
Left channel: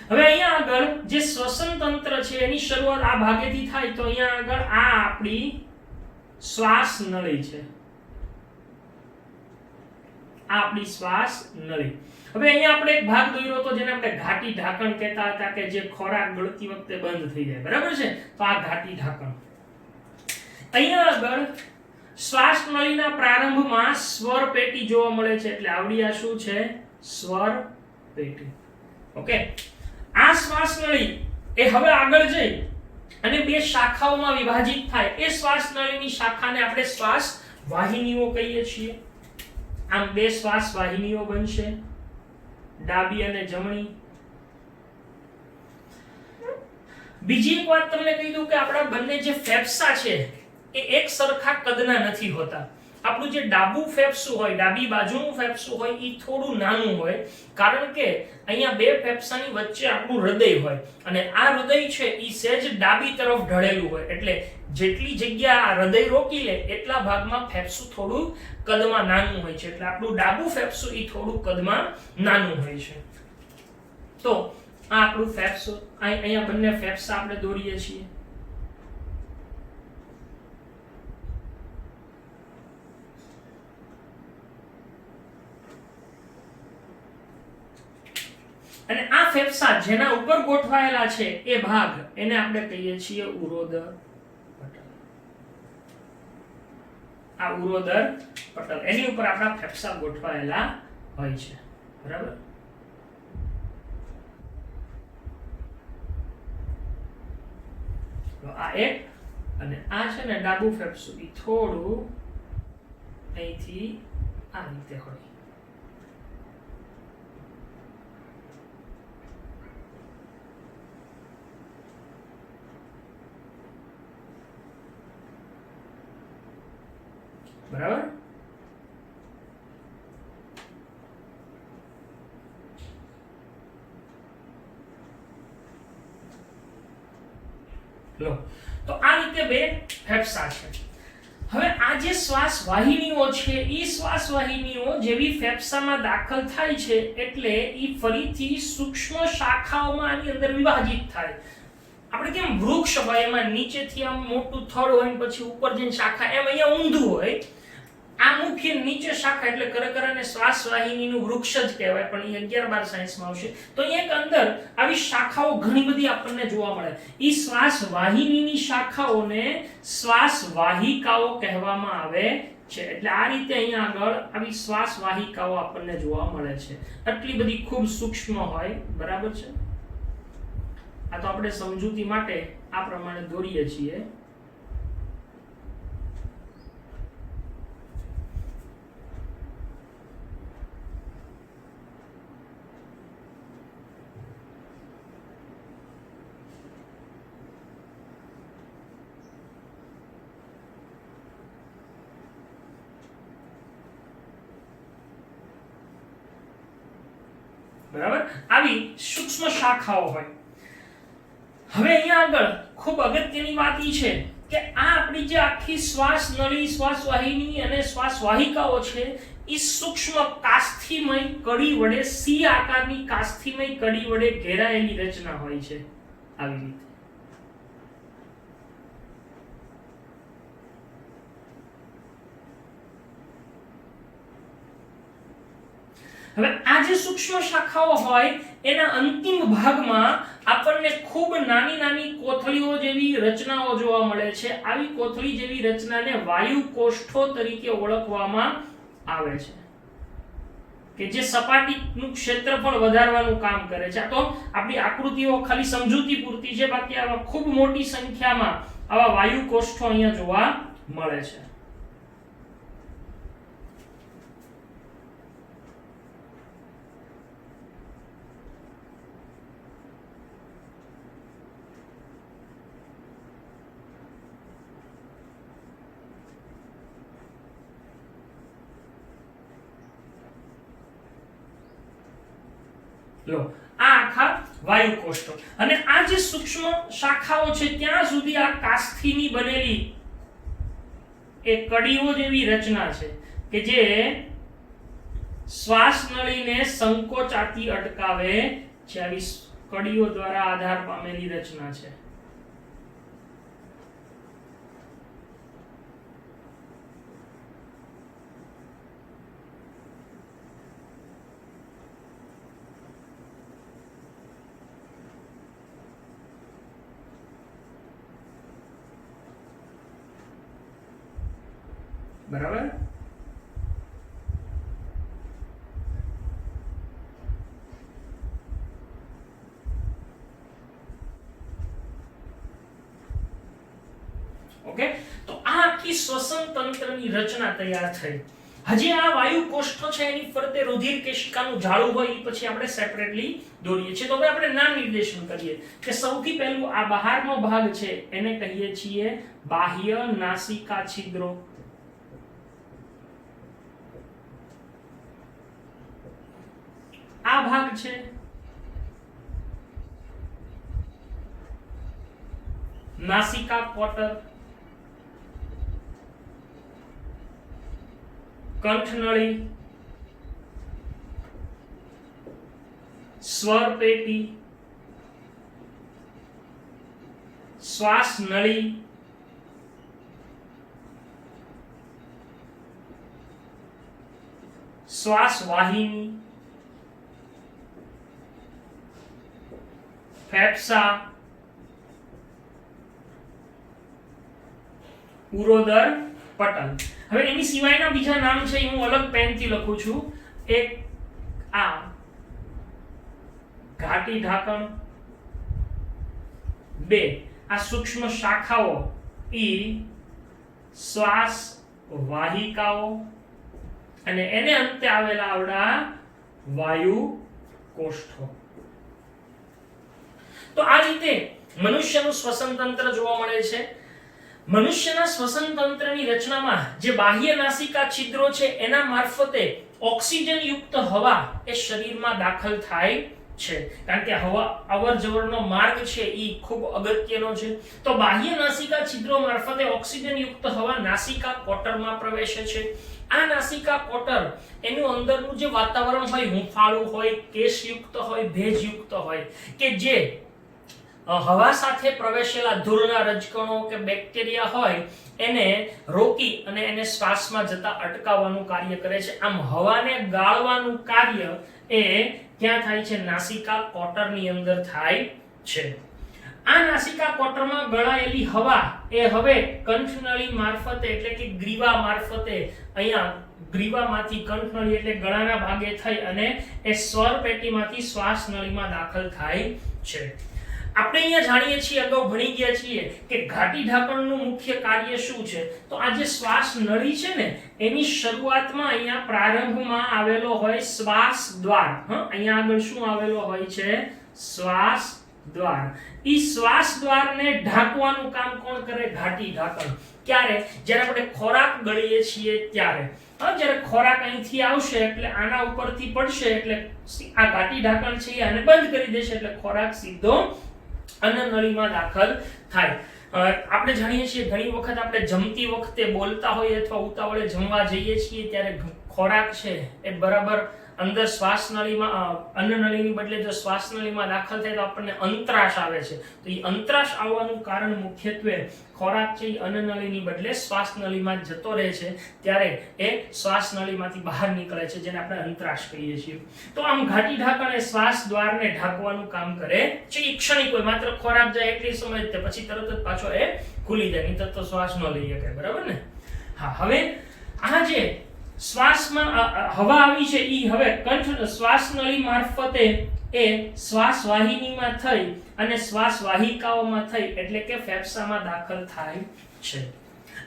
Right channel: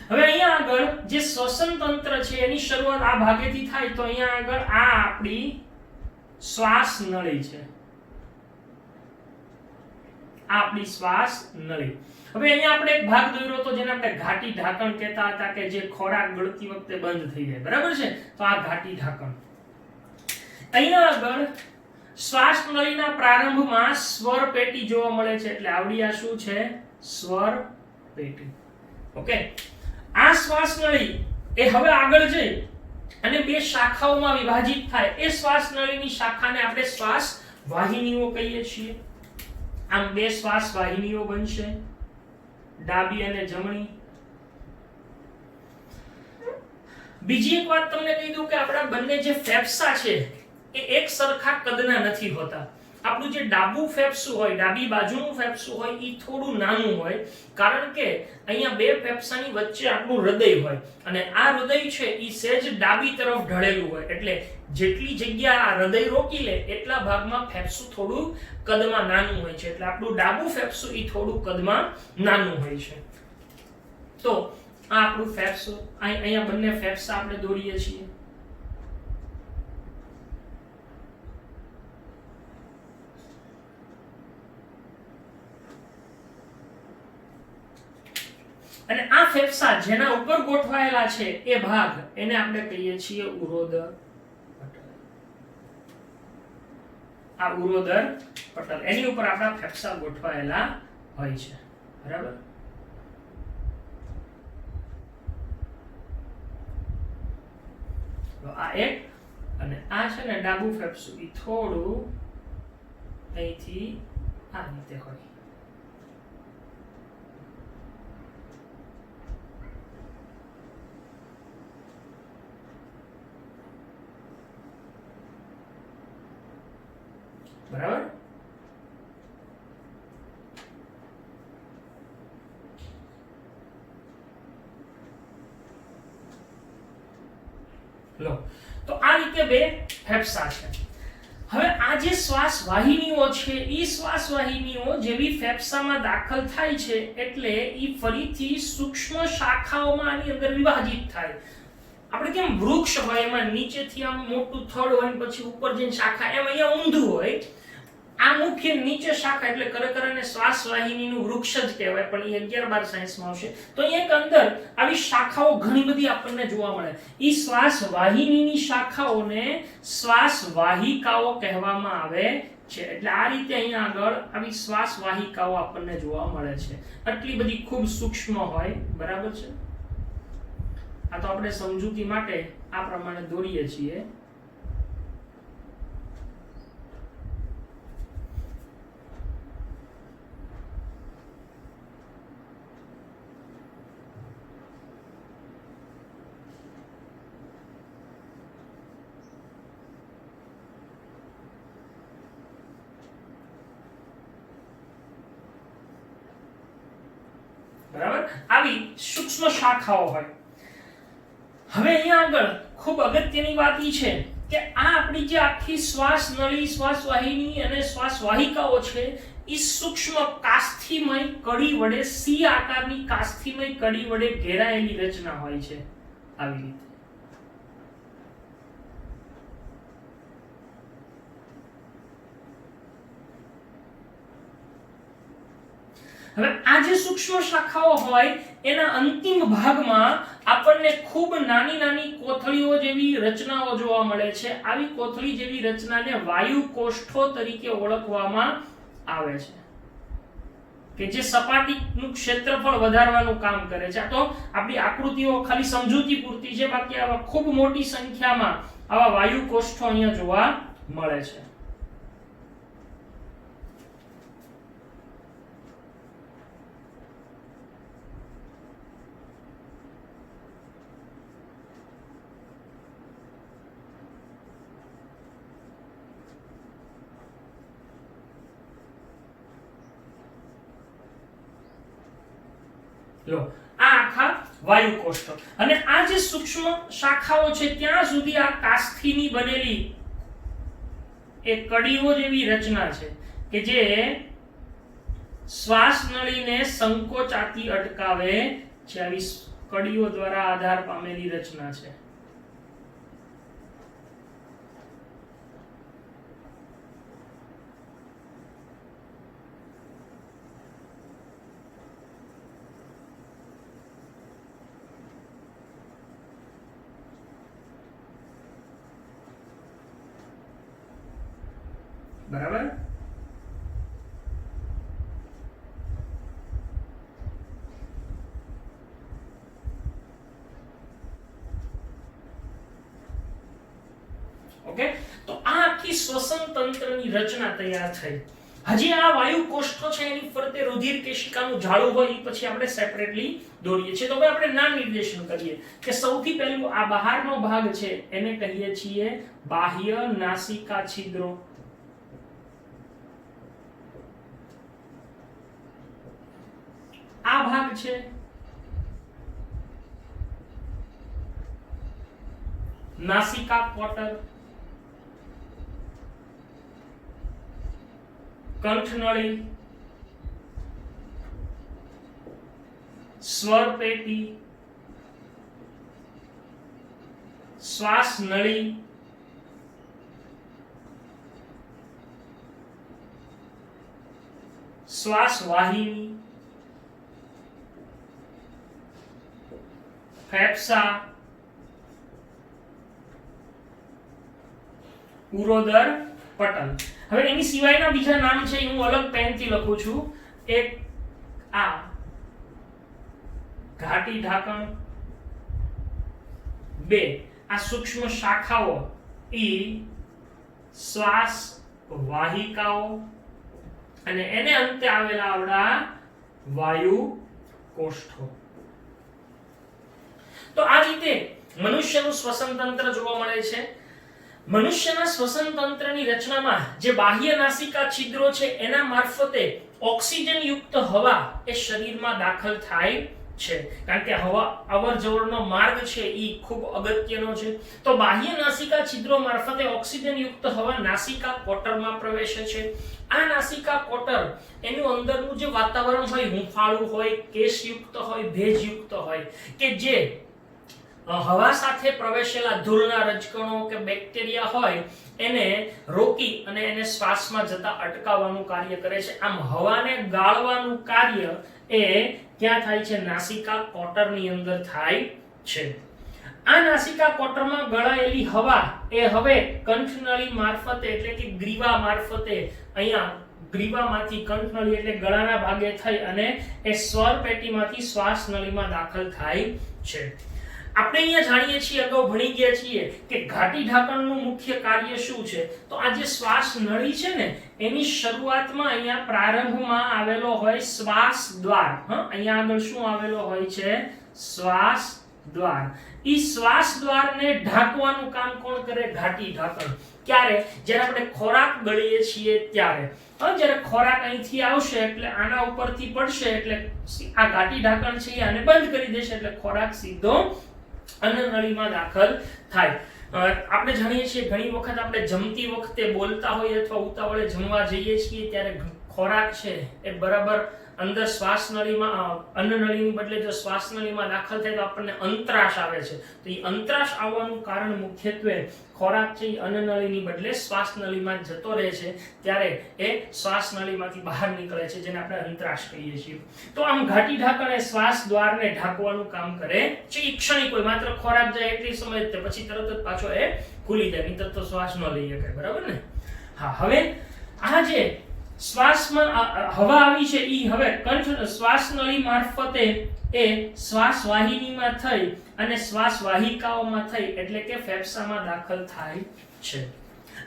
હવે અહીંયા આગળ જે શ્વસન તંત્ર છે એની શરૂઆત આ ભાગેથી થાય, તો અહીંયા આગળ આ આપણી શ્વાસ નળી છે, આ આપણી શ્વાસ નળી. હવે અહીંયા આપણે એક ભાગ દોર્યો હતો જેને આપણે ઘાટી ઢાંકણ કહેતા હતા, કે જે ખોરાક ગળતી વખતે બંધ થઈ જાય, બરાબર છે? તો આ ઘાટી ઢાંકણ. અહીંયા આગળ શ્વાસ નળીના પ્રારંભમાં સ્વર પેટી જોવા મળે છે, એટલે આવડી આ શું છે? સ્વર પેટી. ઓકે, આ શ્વાસ નળી એ હવે આગળ જઈ અને 2 શાખાઓમાં વિભાજિત થાય. એ શ્વાસ નળીની શાખાને આપણે શ્વાસ વાહિનીઓ કહીએ છીએ. આમ બે શ્વાસ વાહિનીઓ બનશે, ડાબી અને જમણી. બીજી એક વાત તમને કહી દઉં કે આપણા બંને જે ફેફસા છે એ એક સરખા કદના નથી હોતા. આપણું જે ડાબું ફેફસું હોય, ડાબી બાજુનું ફેફસું હોય એ થોડું નાનું હોય, કારણ કે અહીંયા બે ફેફસાની વચ્ચે આપણું હૃદય હોય અને આ હૃદય છે એ સહેજ ડાબી તરફ ઢળેલું હોય, એટલે જેટલી જગ્યા આ હૃદય રોકી લે એટલા ભાગમાં ફેફસું થોડું કદમાં નાનું હોય છે, એટલે આપણું ડાબું ફેફસું એ થોડું કદમાં નાનું હોય છે. તો આ આપણું ફેફસું, અહીંયા બંને ફેફસા આપણે દોરીએ છીએ. અને આ ફેફસા જેના ઉપર ગોઠવાયેલા છે એ ભાગ એને આપણે કહીએ છીએ ઉરોદર પટલ. આ ઉરોદર પટલ, એની ઉપર આપણા ફેફસા ગોઠવાયેલા હોય છે. બરાબર. તો આ એક અને આ છે ને ડાબું ફેફસું એ થોડું અહીંથી આ રીતે હોય. બરાબર. લો, તો આ રીતે બે ફેફસા છે. હવે આ જે શ્વાસ વાહિનીઓ છે એ શ્વાસ વાહિનીઓ જેવી ફેફસામાં દાખલ થાય છે એટલે એ ફરીથી સૂક્ષ્મ શાખાઓમાં આની અંદર વિભાજિત થાય. આપણે કેમ વૃક્ષ હોય એમાં નીચેથી આમ મોટું થડ હોય પછી ઉપર જઈને શાખા, એમ અહીંયા ઊંધું હોય. આ મુખ્ય નીચે શાખા એટલે ખરેખર એને શ્વાસ વાહિનીનું વૃક્ષ જ કહેવાય, પણ એ 11-12 સાયન્સમાં આવશે. તો અહીંયા એક અંદર આવી શાખાઓ ઘણી બધી આપણને જોવા મળે. ઈ શ્વાસ વાહિનીની શાખાઓને શ્વાસ વાહિકાઓ કહેવામાં આવે છે. એટલે આ રીતે અહીંયા આગળ આવી શ્વાસ વાહિકાઓ આપણને જોવા મળે છે. આટલી બધી ખૂબ સૂક્ષ્મ હોય. બરાબર છે. આ તો આપણે સમજૂતી માટે આ પ્રમાણે દોરીએ છીએ. બરાબર. આવી સૂક્ષ્મ શાખાઓ હોય. હવે અહીંયા આગળ ખૂબ અગત્યની વાત ઈ છે કે આ આપણી જે આખી શ્વાસ નળી, શ્વાસ વાહિની અને શ્વાસ વાહિકાઓ છે એ સૂક્ષ્મ કાસ્થિમય કડી વડે, સી આકારની કાસ્થિમય કડી વડે ઘેરાયેલી રચના હોય છે. આવી રીતે. હવે આ જે સૂક્ષ્મ શાખાઓ હોય એના અંતિમ ભાગમાં આપણને ખૂબ નાની નાની કોથળીઓ જેવી રચનાઓ જોવા મળે છે. આવી કોથળી જેવી રચનાને વાયુ કોષ્ઠો તરીકે ઓળખવામાં આવે છે, કે જે સપાટીનું ક્ષેત્રફળ વધારવાનું કામ કરે છે. આ તો આપણી આકૃતિઓ ખાલી સમજૂતી પૂરતી છે, બાકી આવા ખૂબ મોટી સંખ્યામાં આવા વાયુ કોષ્ઠો અહીંયા જોવા મળે છે. લો, આ આખા વાયુ કોષ્ઠો. અને આ જે સૂક્ષ્મ શાખાઓ છે ત્યાં સુધી આ કાસ્થીની બનેલી એક કડીઓ જેવી રચના છે કે જે શ્વાસ નળીને સંકોચાતી અટકાવે છે. આવી કડીઓ દ્વારા આધાર પામેલી રચના છે. બરાબર. ઓકે, તો આ આખી શ્વસન તંત્રની રચના તૈયાર થઈ. હજી આ વાયુ કોષ્ઠ છે એની ફરતે રુધિર કેશિકાનું જાળું હોય એ પછી આપણે સેપરેટલી દોરીએ છીએ. તો હવે આપણે નામ નિર્દેશન કરીએ કે સૌથી પહેલું આ બહારનો ભાગ છે એને કહીએ છીએ બાહ્ય નાસિકા છિદ્રો. આ ભાગ છે નાસિકા કોટર. કંઠનળી, સ્વર પેટી, શ્વાસ નળી, શ્વાસ વાહિની, ફેફસા, ઉરોદર પટલ. હવે એની સિવાયના બીજા નામ છે હું અલગ પેનથી લખું છું. એક આ ઘાટી ઢાંકણ, બે આ સૂક્ષ્મ શાખાઓ ઈ શ્વાસ વાહિકાઓ, અને એને અંતે આવેલા આવડા વાયુ કોષ્ઠો. તો આ રીતે મનુષ્યનું શ્વસન તંત્ર જોવા મળે છે. મનુષ્યના શ્વસન તંત્રની રચનામાં જે બાહ્ય નાસિકા છિદ્રો છે એના મારફતે ઓક્સિજન યુક્ત હવા એ શરીરમાં દાખલ થાય છે. કારણ કે હવા અવર જવરનો માર્ગ છે એ ખૂબ અગત્યનો છે. તો બાહ્ય નાસિકા છિદ્રો મારફતે ઓક્સિજન યુક્ત હવા નાસિકા કોટરમાં પ્રવેશે છે. આ નાસિકા કોટર એનું અંદરનું જે વાતાવરણ હોય, હૂંફાળું હોય, કેશયુક્ત હોય, ભેજયુક્ત હોય, કે જે હવા સાથે પ્રવેશેલા ધૂળના રજકણો કે બેક્ટેરિયા હોય એને રોકી અને એને શ્વાસમાં જતા અટકાવવાનું કાર્ય કરે છે. આમ હવાને ગાળવાનું કાર્ય એ ક્યાં થાય છે? નાસિકા કોટરની અંદર થાય છે. આ નાસિકા કોટરમાં ગળાયેલી હવા એ હવે કંઠનળી મારફતે એટલે કે ગ્રીવા મારફતે અહીંયા ગ્રીવામાંથી કંઠનળી એટલે ગળાના ભાગે થઈ અને એ સ્વર પેટીમાંથી શ્વાસ નળીમાં દાખલ થાય છે. આપણે અહીંયા જાણીએ છીએ, અગાઉ ભણી ગયા છીએ કે ઘાટી ઢાંકણનું મુખ્ય કાર્ય શું છે. તો આ જે શ્વાસ નળી છે ને એની શરૂઆતમાં અહીંયા પ્રારંભમાં આવેલો હોય શ્વાસ દ્વાર. અહીંયા આગળ શું આવેલો હોય છે? શ્વાસ દ્વાર. ઈ શ્વાસ દ્વારને ઢાંકવાનું કામ કોણ કરે? ઘાટી ઢાંકણ. ક્યારે? જ્યારે આપણે ખોરાક ગળીએ છીએ ત્યારે. જ્યારે ખોરાક અહીંથી આવશે એટલે આના ઉપરથી પડશે એટલે આ ઘાટી ઢાંકણ છે આને બંધ કરી દેશે એટલે ખોરાક સીધો અન્નનળીમાં દાખલ થાય. આપણે જાણીએ છીએ ઘણી વખત આપણે જમતી વખતે બોલતા હોઈએ અથવા ઉતાવળે જમવા જઈએ છીએ ત્યારે ખોરાક છે એ બરાબર અંદર શ્વાસનળીમાં અન્નનળીની બદલે જો શ્વાસનળીમાં દાખલ થાય તો આપણને અંતરાશ આવે છે. તો એ અંતરાશ આવવાનું કારણ મુખ્યત્વે ખોરાક છે એ અન્નનળીની બદલે શ્વાસનળીમાં જતો રહે છે ત્યારે એ શ્વાસનળીમાંથી બહાર નીકળે છે, જેને આપણે અંતરાશ કહીએ છીએ. તો આમ ઘાટી ઢાંકણ એ શ્વાસ દ્વારને ઢાંકવાનું કામ કરે છે. એ ક્ષણિક હોય, માત્ર ખોરાક જાય એટલી સમય જ પછી તરત જ પાછો એ ખુલી જાય, નહીંતર તો શ્વાસ ન લઈ શકાય. બરાબર ને? હા. હવે આ જે શ્વાસમાં હવા આવી છે ઈ હવે કંઠ શ્વાસ નળી મારફતે એ શ્વાસ વાહિનીમાં થઈ અને શ્વાસ વાહિકાઓમાં થઈ એટલે કે ફેફસામાં દાખલ થાય છે.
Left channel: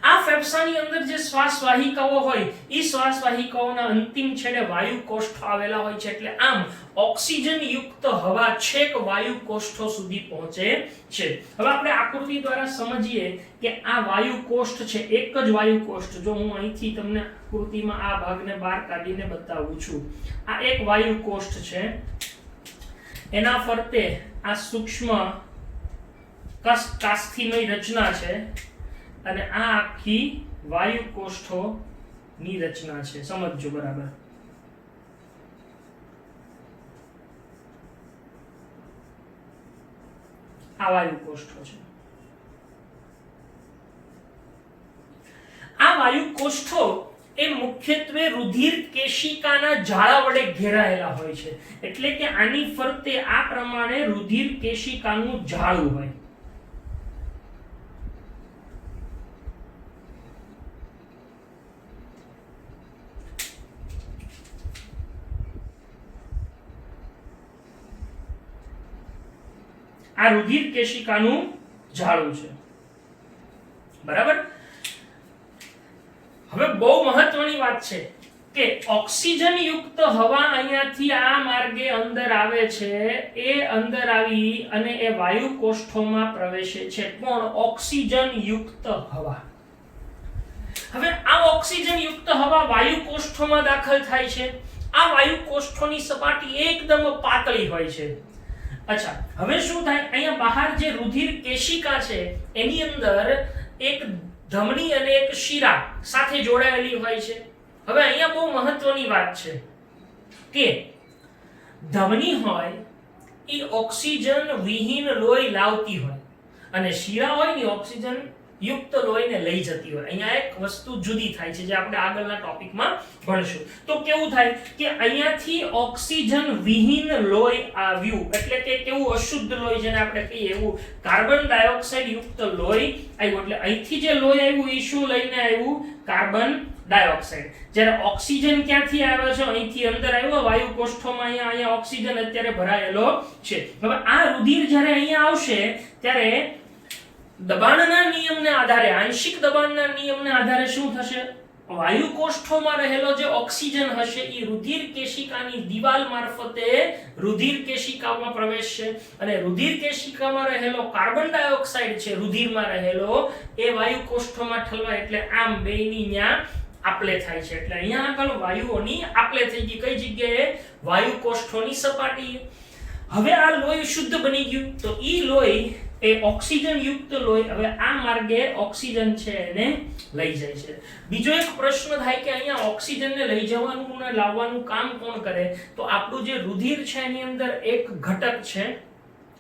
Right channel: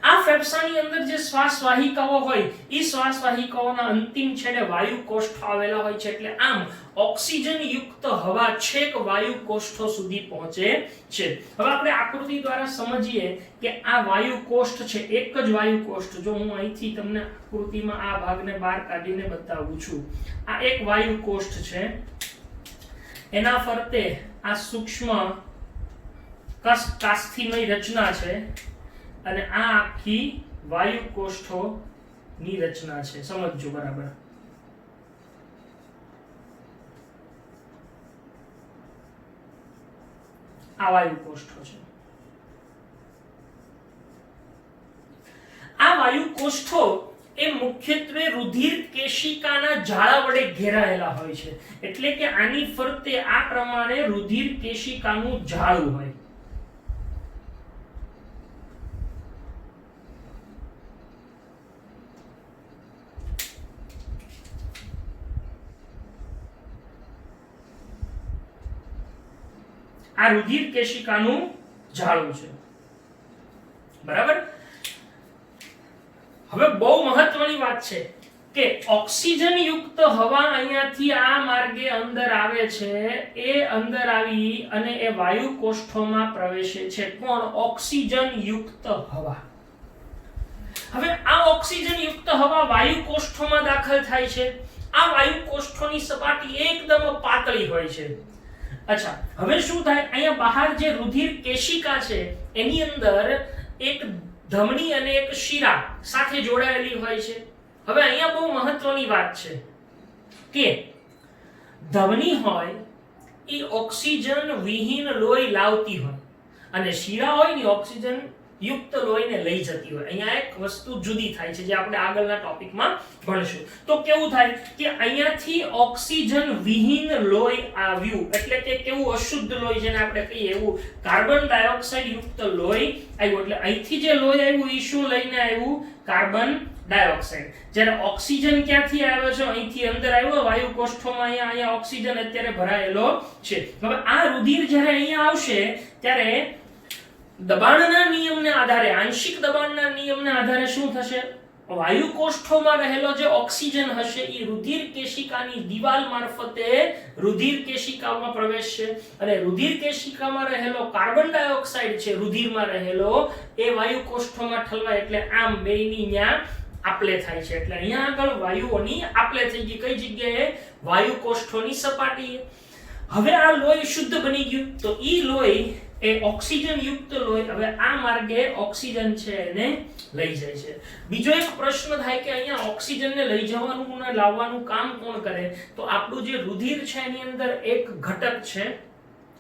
આ ફેફસાની અંદર જે શ્વાસ વાહિકાઓ હોય ઈ શ્વાસ વાહિકાઓના અંતિમ છેડે વાયુ કોષ્ઠો આવેલા હોય છે. એટલે આમ ઓક્સિજન યુક્ત હવા છેક વાયુ કોષ્ઠો સુધી પહોંચે છે. હવે આપણે આકૃતિ દ્વારા સમજીએ કે આ વાયુ કોષ્ઠ છે, એક જ વાયુ કોષ્ઠ. જો હું અહીંથી તમને આકૃતિમાં આ ભાગને બહાર કાઢીને બતાવું છું, આ એક વાયુ કોષ્ઠ છે. એના ફરતે આ સૂક્ષ્મ કાસ્થિની રચના છે અને આ આખી વાયુ કોષ્ઠોની રચના છે. સમજજો બરાબર. આ વાયુ કોષ્ઠો છે. આ વાયુ કોષ્ઠો એ મુખ્યત્વે રુધિર કેશિકાના જાળા વડે ઘેરાયેલા હોય છે. એટલે કે આની ફરતે આ પ્રમાણે રુધિર કેશિકાનું જાળું હોય. આ રુધિર કેશિકાનું જાળું છે. બરાબર. હવે બહુ મહત્વની વાત છે કે ઓક્સિજન યુક્ત હવા અહીંયાથી આ માર્ગે અંદર આવે છે, એ અંદર આવી અને એ વાયુ કોષ્ઠોમાં પ્રવેશે છે. કોણ? ઓક્સિજન યુક્ત હવા. હવે આ ઓક્સિજન યુક્ત હવા વાયુ કોષ્ઠોમાં દાખલ થાય છે. આ વાયુ કોષ્ઠોની સપાટી એકદમ પાતળી હોય છે. અચ્છા, હવે શું થાય? અહીંયા બહાર જે રુધિર કેશિકા છે એની અંદર એક ધમની અને એક શિરા સાથે જોડાયેલી હોય છે. હવે અહીંયા બહુ મહત્વની વાત છે કે ધમની હોય એ ઓક્સિજન વિહીન લોહી લાવતી હોય અને શિરા હોય ને ઓક્સિજન યુક્ત લોહીને લઈ જતી હોય. અહીંયા એક વસ્તુ જુદી થાય છે જે આપણે આગળના ટોપિકમાં ભણશું. તો કેવું થાય કે અહીંયાથી ઓક્સિજન વિહીન લોહી આવ્યું એટલે કે કેવું અશુદ્ધ લોહી જેને આપણે કહીએ એવું કાર્બન ડાયોક્સાઇડ યુક્ત લોહી આવ્યું. એટલે અહીંથી જે લોહી આવ્યું એ શું લઈને આવ્યું? Carbon dioxide. જ્યારે ઓક્સિજન ક્યાંથી આવ્યો છે? અહીંથી અંદર આવ્યો વાયુ કોષ્ઠોમાં. અહીંયા ઓક્સિજન અત્યારે ભરાયેલો છે. હવે આ રુધિર જ્યારે અહીંયા આવશે ત્યારે દબાણના નિયમને આધારે, આંશિક દબાણના નિયમને આધારે શું થશે? વાયુ કોષ્ઠોમાં રહેલો જે ઓક્સિજન હશે એ રુધિર કેશિકાની દિવાલ મારફતે રુધિર કેશિકામાં પ્રવેશશે અને રુધિર કેશિકામાં રહેલો કાર્બન ડાયોક્સાઇડ છે રુધિરમાં રહેલો એ વાયુ કોષ્ઠોમાં ઠલવાય. એટલે આમ બેયની ન્યા આપલે થાય છે. એટલે અહીંયા આગળ વાયુઓની આપલે થઈ ગઈ. કઈ જગ્યાએ? વાયુ કોષ્ઠોની સપાટીએ. હવે આ લોહી શુદ્ધ બની ગયું તો ઈ લોહી એ ઓક્સિજન યુક્ત લોહી હવે આ માર્ગે ઓક્સિજન છે એને લઈ જાય છે. બીજો એક પ્રશ્ન થાય કે અહીંયા ઓક્સિજનને લઈ જવાનું અને લાવવાનું કામ કોણ કરે? તો આપણું જે રુધિર છે એની અંદર એક ઘટક છે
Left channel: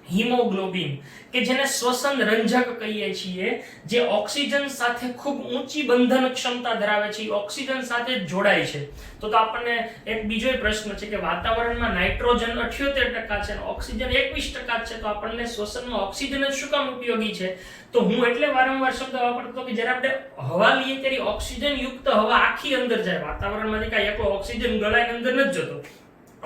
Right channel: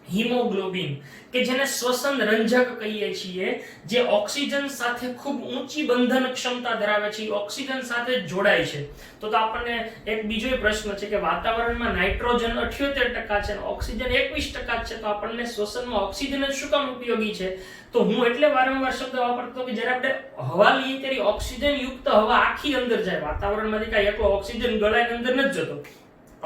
હિમોગ્લોબિન કે જેને શ્વસન રંજક કહીએ છીએ, જે ઓક્સિજન સાથે ખૂબ ઊંચી બંધન ક્ષમતા ધરાવે છે, ઓક્સિજન સાથે જોડાય છે. તો આપણને એક બીજો પ્રશ્ન છે કે વાતાવરણમાં નાઇટ્રોજન 78% છે અને ઓક્સિજન 21% છે, તો આપણને શ્વસનમાં ઓક્સિજન જ શું કામ ઉપયોગી છે? તો હું એટલે વારંવાર શબ્દ વાપરતો કે જ્યારે આપણે હવા લઈએ ત્યારે ઓક્સિજન યુક્ત હવા આખી અંદર જાય. વાતાવરણમાંથી કાંઈ એકલો ઓક્સિજન ગળાની અંદર નથી જતો.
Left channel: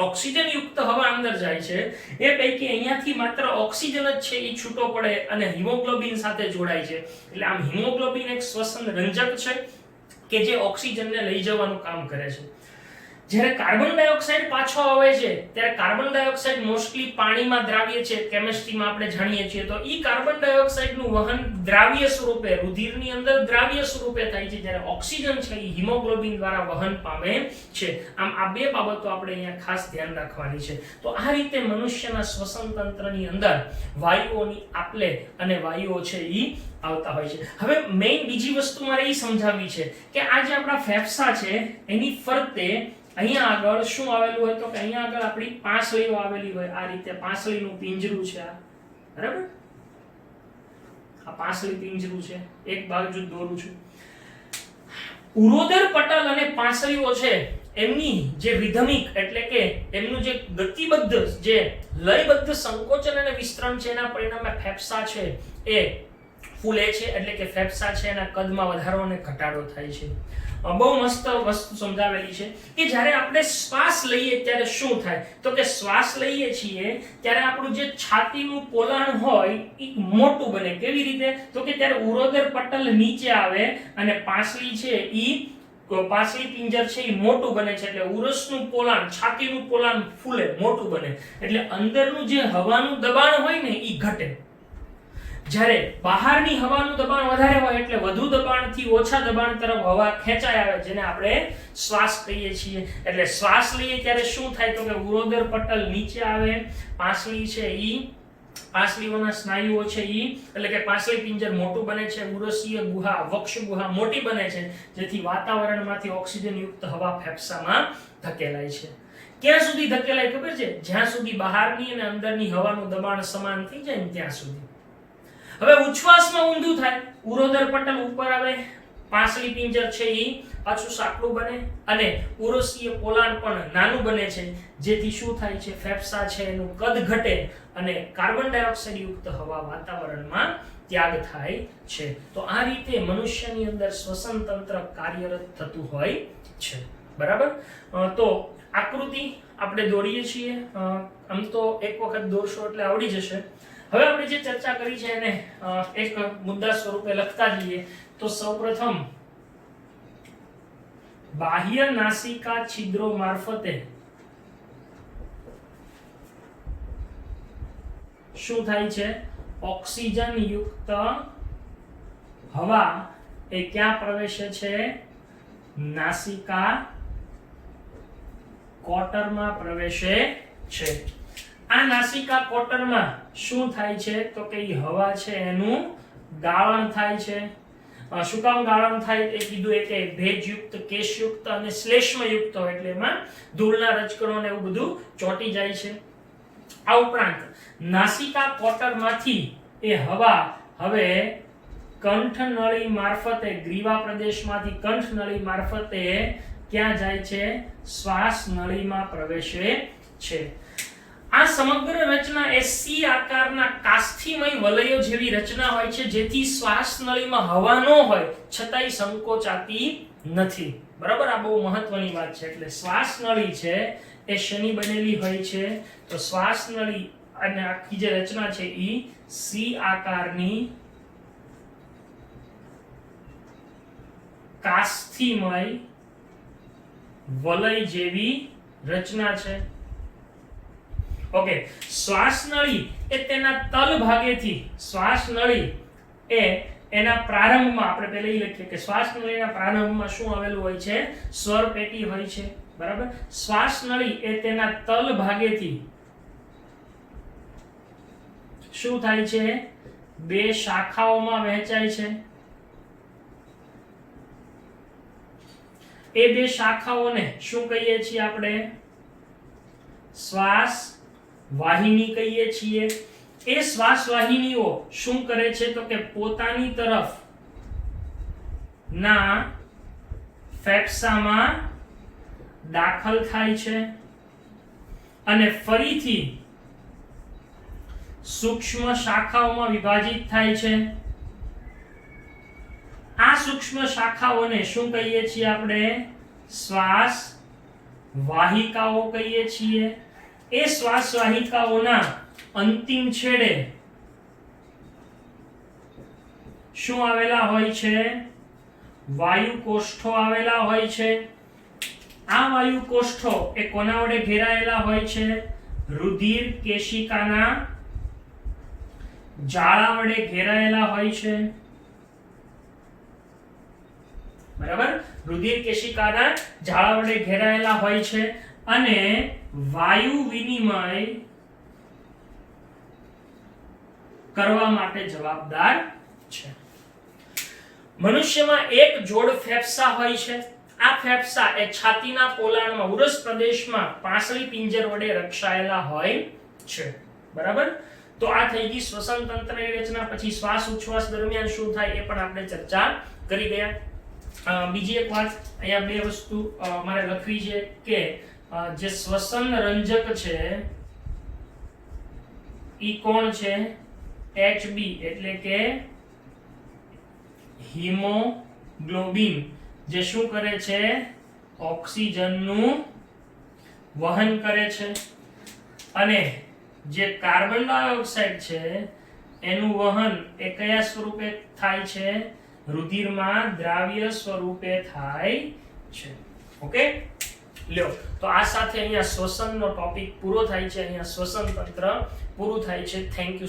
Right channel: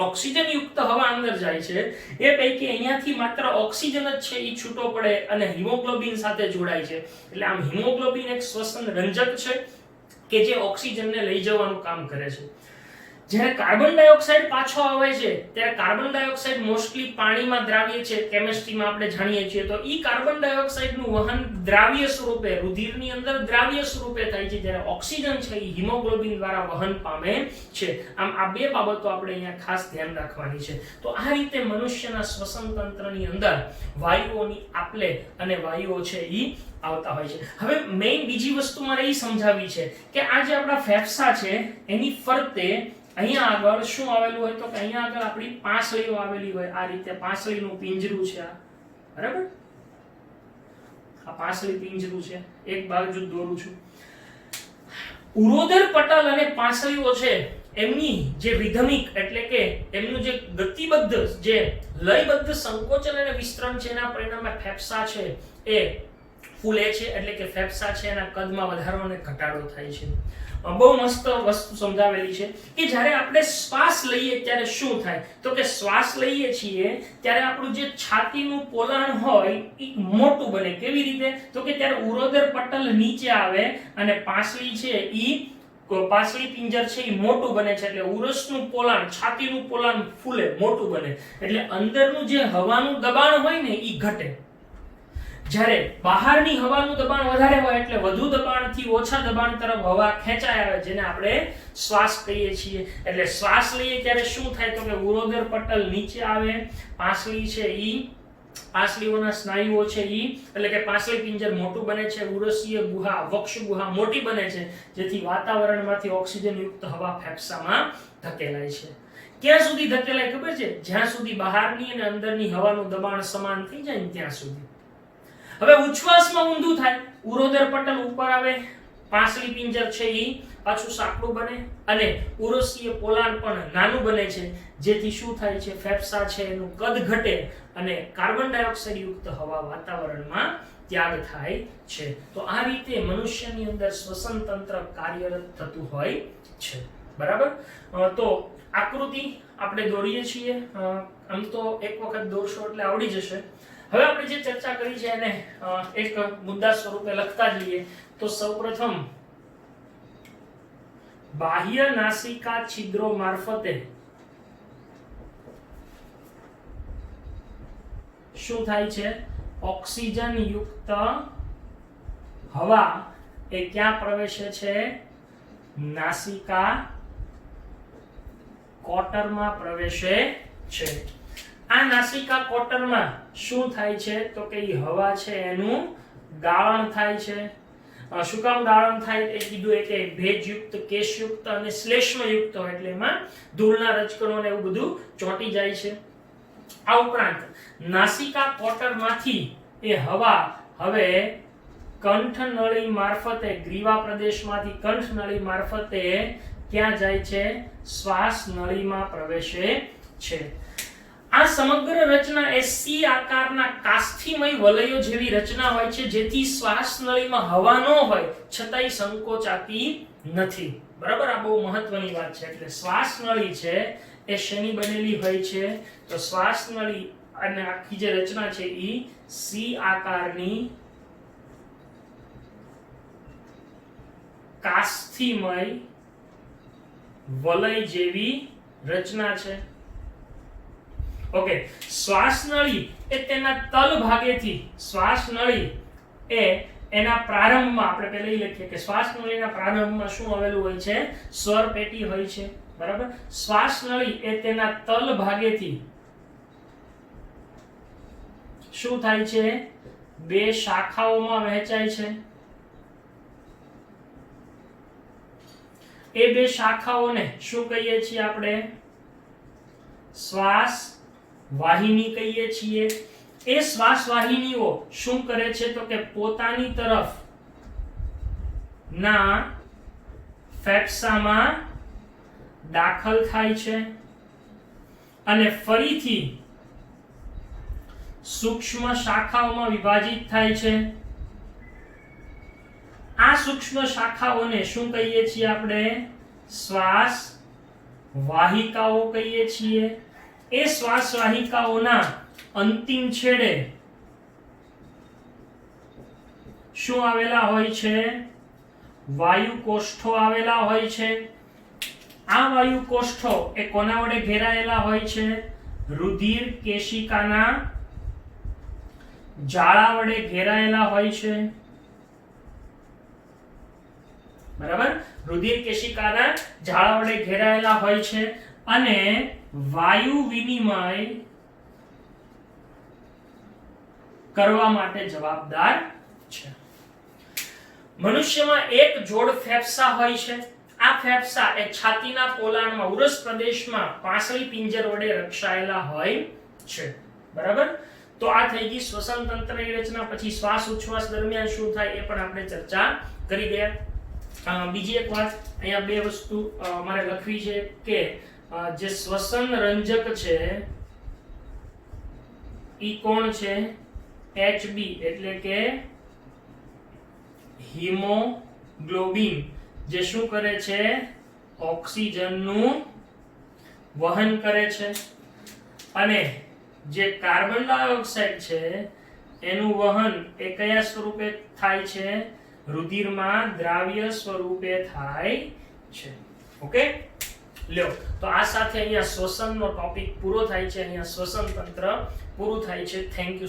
ઓક્સિજન યુક્ત હવા અંદર જાય છે એ પૈકી અહીંયાથી માત્ર ઓક્સિજન જ છે એ છૂટો પડે અને હિમોગ્લોબિન સાથે જોડાય છે. એટલે આમ હિમોગ્લોબિન એક શ્વસન રંજક છે કે જે ઓક્સિજનને લઈ જવાનું કામ કરે છે. જ્યારે કાર્બન ડાયોક્સાઇડ પાછો આવે છે ત્યારે કાર્બન ડાયોક્સાઇડ મોસ્ટલી પાણીમાં દ્રાવ્ય છે, કેમિસ્ટ્રીમાં આપણે જાણીએ છીએ. તો ઈ કાર્બન ડાયોક્સાઇડનું વહન દ્રાવ્ય સ્વરૂપે રુધિરની અંદર દ્રાવ્ય સ્વરૂપે થાય છે, જ્યારે ઓક્સિજન છે એ હિમોગ્લોબિન દ્વારા વહન પામે છે. આમ આ બે બાબતો આપણે અહીંયા ખાસ ધ્યાન રાખવાની છે. તો આ રીતે મનુષ્યના શ્વસન તંત્રની અંદર વાયુઓની આપલે અને વાયુઓ છે ઈ આવતા હોય છે. હવે મેઇન બીજી વસ્તુ મારે એ સમજાવવી છે કે આ જે આપણા ફેફસા છે એની ફરતે અહીંયા આગળ શું આવેલું હોય? તો કે અહીંયા આગળ આપણી પાંસળીઓ આવેલી હોય. આ રીતે પાંસળીનું પિંજરું છે આ, બરાબર? આ પાંસળી પિંજરું છે. એક બાજુ દોરું છું. ઉરોદર પટલ અને પાંસળીઓ છે એમની જે રિધમિક એટલે કે એમનું જે ગતિબદ્ધ જે લયબદ્ધ સંકોચન અને વિસ્તરણ છે એના પરિણામે ફેફસા છે એ ફૂલે છે. એટલે કે ફેફસા છે એના કદમાં વધારો અને ઘટાડો થાય છે. બહુ મસ્ત વસ્તુ સમજાવેલી છે કે જ્યારે આપણે શ્વાસ લઈએ ત્યારે શું થાય? તો કે શ્વાસ લઈએ છીએ ત્યારે આપણું જે છાતીનું પોલાણ હોય એ મોટું બને. કેવી રીતે? તો કે ત્યારે ઉરોદર પટલ નીચે આવે અને પાંસળી છે ઈ પાંસળી પિંજર છે એ મોટું બને છે. એટલે ઉરસનું પોલાણ, છાતીનું પોલાણ ફૂલે, મોટું બને. એટલે અંદરનું જે હવાનું દબાણ હોય ને એ ઘટે. જ્યારે બહારની હવાનું દબાણ વધારે હોય એટલે વધુ દબાણથી ઓછા દબાણ તરફ હવા ખેંચાય આવે, જેને આપણે શ્વાસ કહીએ છીએ. એટલે શ્વાસ લઈએ ત્યારે શું થાય? તો કે ઉરોદર પટલ નીચે આવે, પાંસળી છે ઈ પાંસળીઓના સ્નાયુઓ છે ઈ એટલે કે પાંસળી પિંજર મોટું બને છે, ઉરસીય ગુહા, વક્ષ ગુહા મોટી બને છે, જેથી વાતાવરણમાંથી ઓક્સિજન યુક્ત હવા ફેફસામાં ધકેલાય છે. ક્યાં સુધી ધકેલાય ખબર છે? જ્યાં સુધી બહારની અને અંદરની હવાનું દબાણ સમાન થઈ જાય ને ત્યાં સુધી. હવે ઉચ્છ્વાસમાં ઊંધું થાય. ઉરોદર પટલ ઉપર આવે, પાંસળી પિંજર છે ઈ પાછું સાંકડું બને અને ઉરસીય પોલાણ પણ નાનું બને છે, જેથી શું થાય છે? ફેફસા છે એનું કદ ઘટે અને કાર્બન ડાયોક્સાઇડ યુક્ત હવા વાતાવરણમાં ત્યાગ થાય છે. તો આ રીતે મનુષ્યની અંદર શ્વસન તંત્ર કાર્યરત થતું હોય છે. બરાબર? તો આકૃતિ આપણે દોરીએ છીએ. આમ તો એક વખત દોરશો એટલે આવડી જશે. હવે આપણે જે ચર્ચા કરી છે એને એક મુદ્દા સ્વરૂપે લખતા જઈએ. તો સૌપ્રથમ બાહ્ય નાસિકા છિદ્રો મારફતે શું થાય છે? ઓક્સિજન યુક્ત હવા એ ક્યાં પ્રવેશે છે? નાસિકા કોટરમાં પ્રવેશે છે. આ નાસિકા કોટરમાં શું થાય છે? તો કે હવા છે એનું ગાળણ થાય છે. શું કામ ગાળણ થાય એ કીધું એ કે ભેજયુક્ત, કેશયુક્ત અને શ્લેષ્મયુક્ત હોય એટલે એમાં ધૂળના રજકણો ને એવું બધું ચોંટી જાય છે. આ ઉપરાંત નાસિકા કોટરમાંથી એ હવા હવે કંઠનળી મારફતે, ગ્રીવા પ્રદેશમાંથી કંઠનળી મારફતે ક્યાં જાય છે? શ્વાસ નળીમાં પ્રવેશે છે. આ સમગ્ર રચના એ સી આકારના કાસ્થીમય વલયો જેવી રચના હોય છે, જેથી શ્વાસ નળીમાં હવા ન હોય છતાંય સંકોચાતી નથી. બરાબર, આ બહુ મહત્વની વાત છે. એટલે શ્વાસ નળી છે એ શેની બનેલી હોય છે? તો શ્વાસ નળી અને આખી જે રચના છે એ સી આકારની કાસ્થીમય વલય જેવી રચના છે. ઓકે, શ્વાસ નળી એ તેના તલ ભાગેથી, શ્વાસ નળી એ એના પ્રારંભમાં, આપણે પહેલા એ લખીએ કે શ્વાસ નળીના પ્રારંભમાં શું આવેલું હોય છે? સ્વર પેટી હોય છે. બરાબર, શ્વાસ નળી એ તેના તલ ભાગેથી શું થાય છે? બે શાખાઓમાં વહેંચાય છે. એ બે શાખાઓને શું કહીએ છીએ આપણે? શ્વાસ વાહિની કહીએ છીએ. એ શ્વાસ વાહિનીઓ શું કરે છે? તો કે પોતાની તરફ ના ફેફસામાં દાખલ થાય છે અને ફરીથી સૂક્ષ્મ શાખાઓમાં વિભાજિત થાય છે. આ સૂક્ષ્મ શાખાઓને શું કહીએ છીએ આપણે? શ્વાસ વાહિકાઓ કહીએ છીએ. એ શ્વાસ વાહિકાઓના અંતિમ છેડે શું આવેલા હોય છે? વાયુ કોષ્ઠો આવેલા હોય છે. આ વાયુ કોષ્ઠો એ કોના વડે ઘેરાયેલા હોય છે? રુધિર કેશિકાના જાળા વડે ઘેરાયેલા હોય છે. બરાબર, રુધિર કેશિકાના જાળા વડે ઘેરાયેલા હોય છે અને વાયુ વિનિમય કરવા માટે જવાબદાર છે. મનુષ્યમાં એક જોડ ફેફસા હોય છે. આ ફેફસા એ છાતીના પોલાણમાં, ઉરસ પ્રદેશમાં પાંસળી પિંજર વડે રક્ષાયેલા હોય છે. બરાબર, તો આ થઈ ગઈ શ્વસન તંત્રની રચના. પછી શ્વાસ ઉચ્છ્વાસ દરમિયાન શું થાય એ પણ આપણે ચર્ચા કરી ગયા. બીજી એક વાત અહીંયા બે વસ્તુ મારે લખવી છે કે જે શ્વસન રંજક છે ઈ કોણ છે? HB એટલે કે હિમોગ્લોબિન, જે શું કરે છે? ઓક્સિજનનું વહન કરે છે. અને જે કાર્બન ડાયોક્સાઇડ છે એનું વહન એ કયા સ્વરૂપે થાય છે? રુધિરમાં દ્રાવ્ય સ્વરૂપે થાય છે. ઓકે, લ્યો, તો આ સાથે અહીંયા શ્વસનનો ટોપિક પૂરો થાય છે. અહીંયા શ્વસન તંત્ર પૂરું થાય છે. Thank you.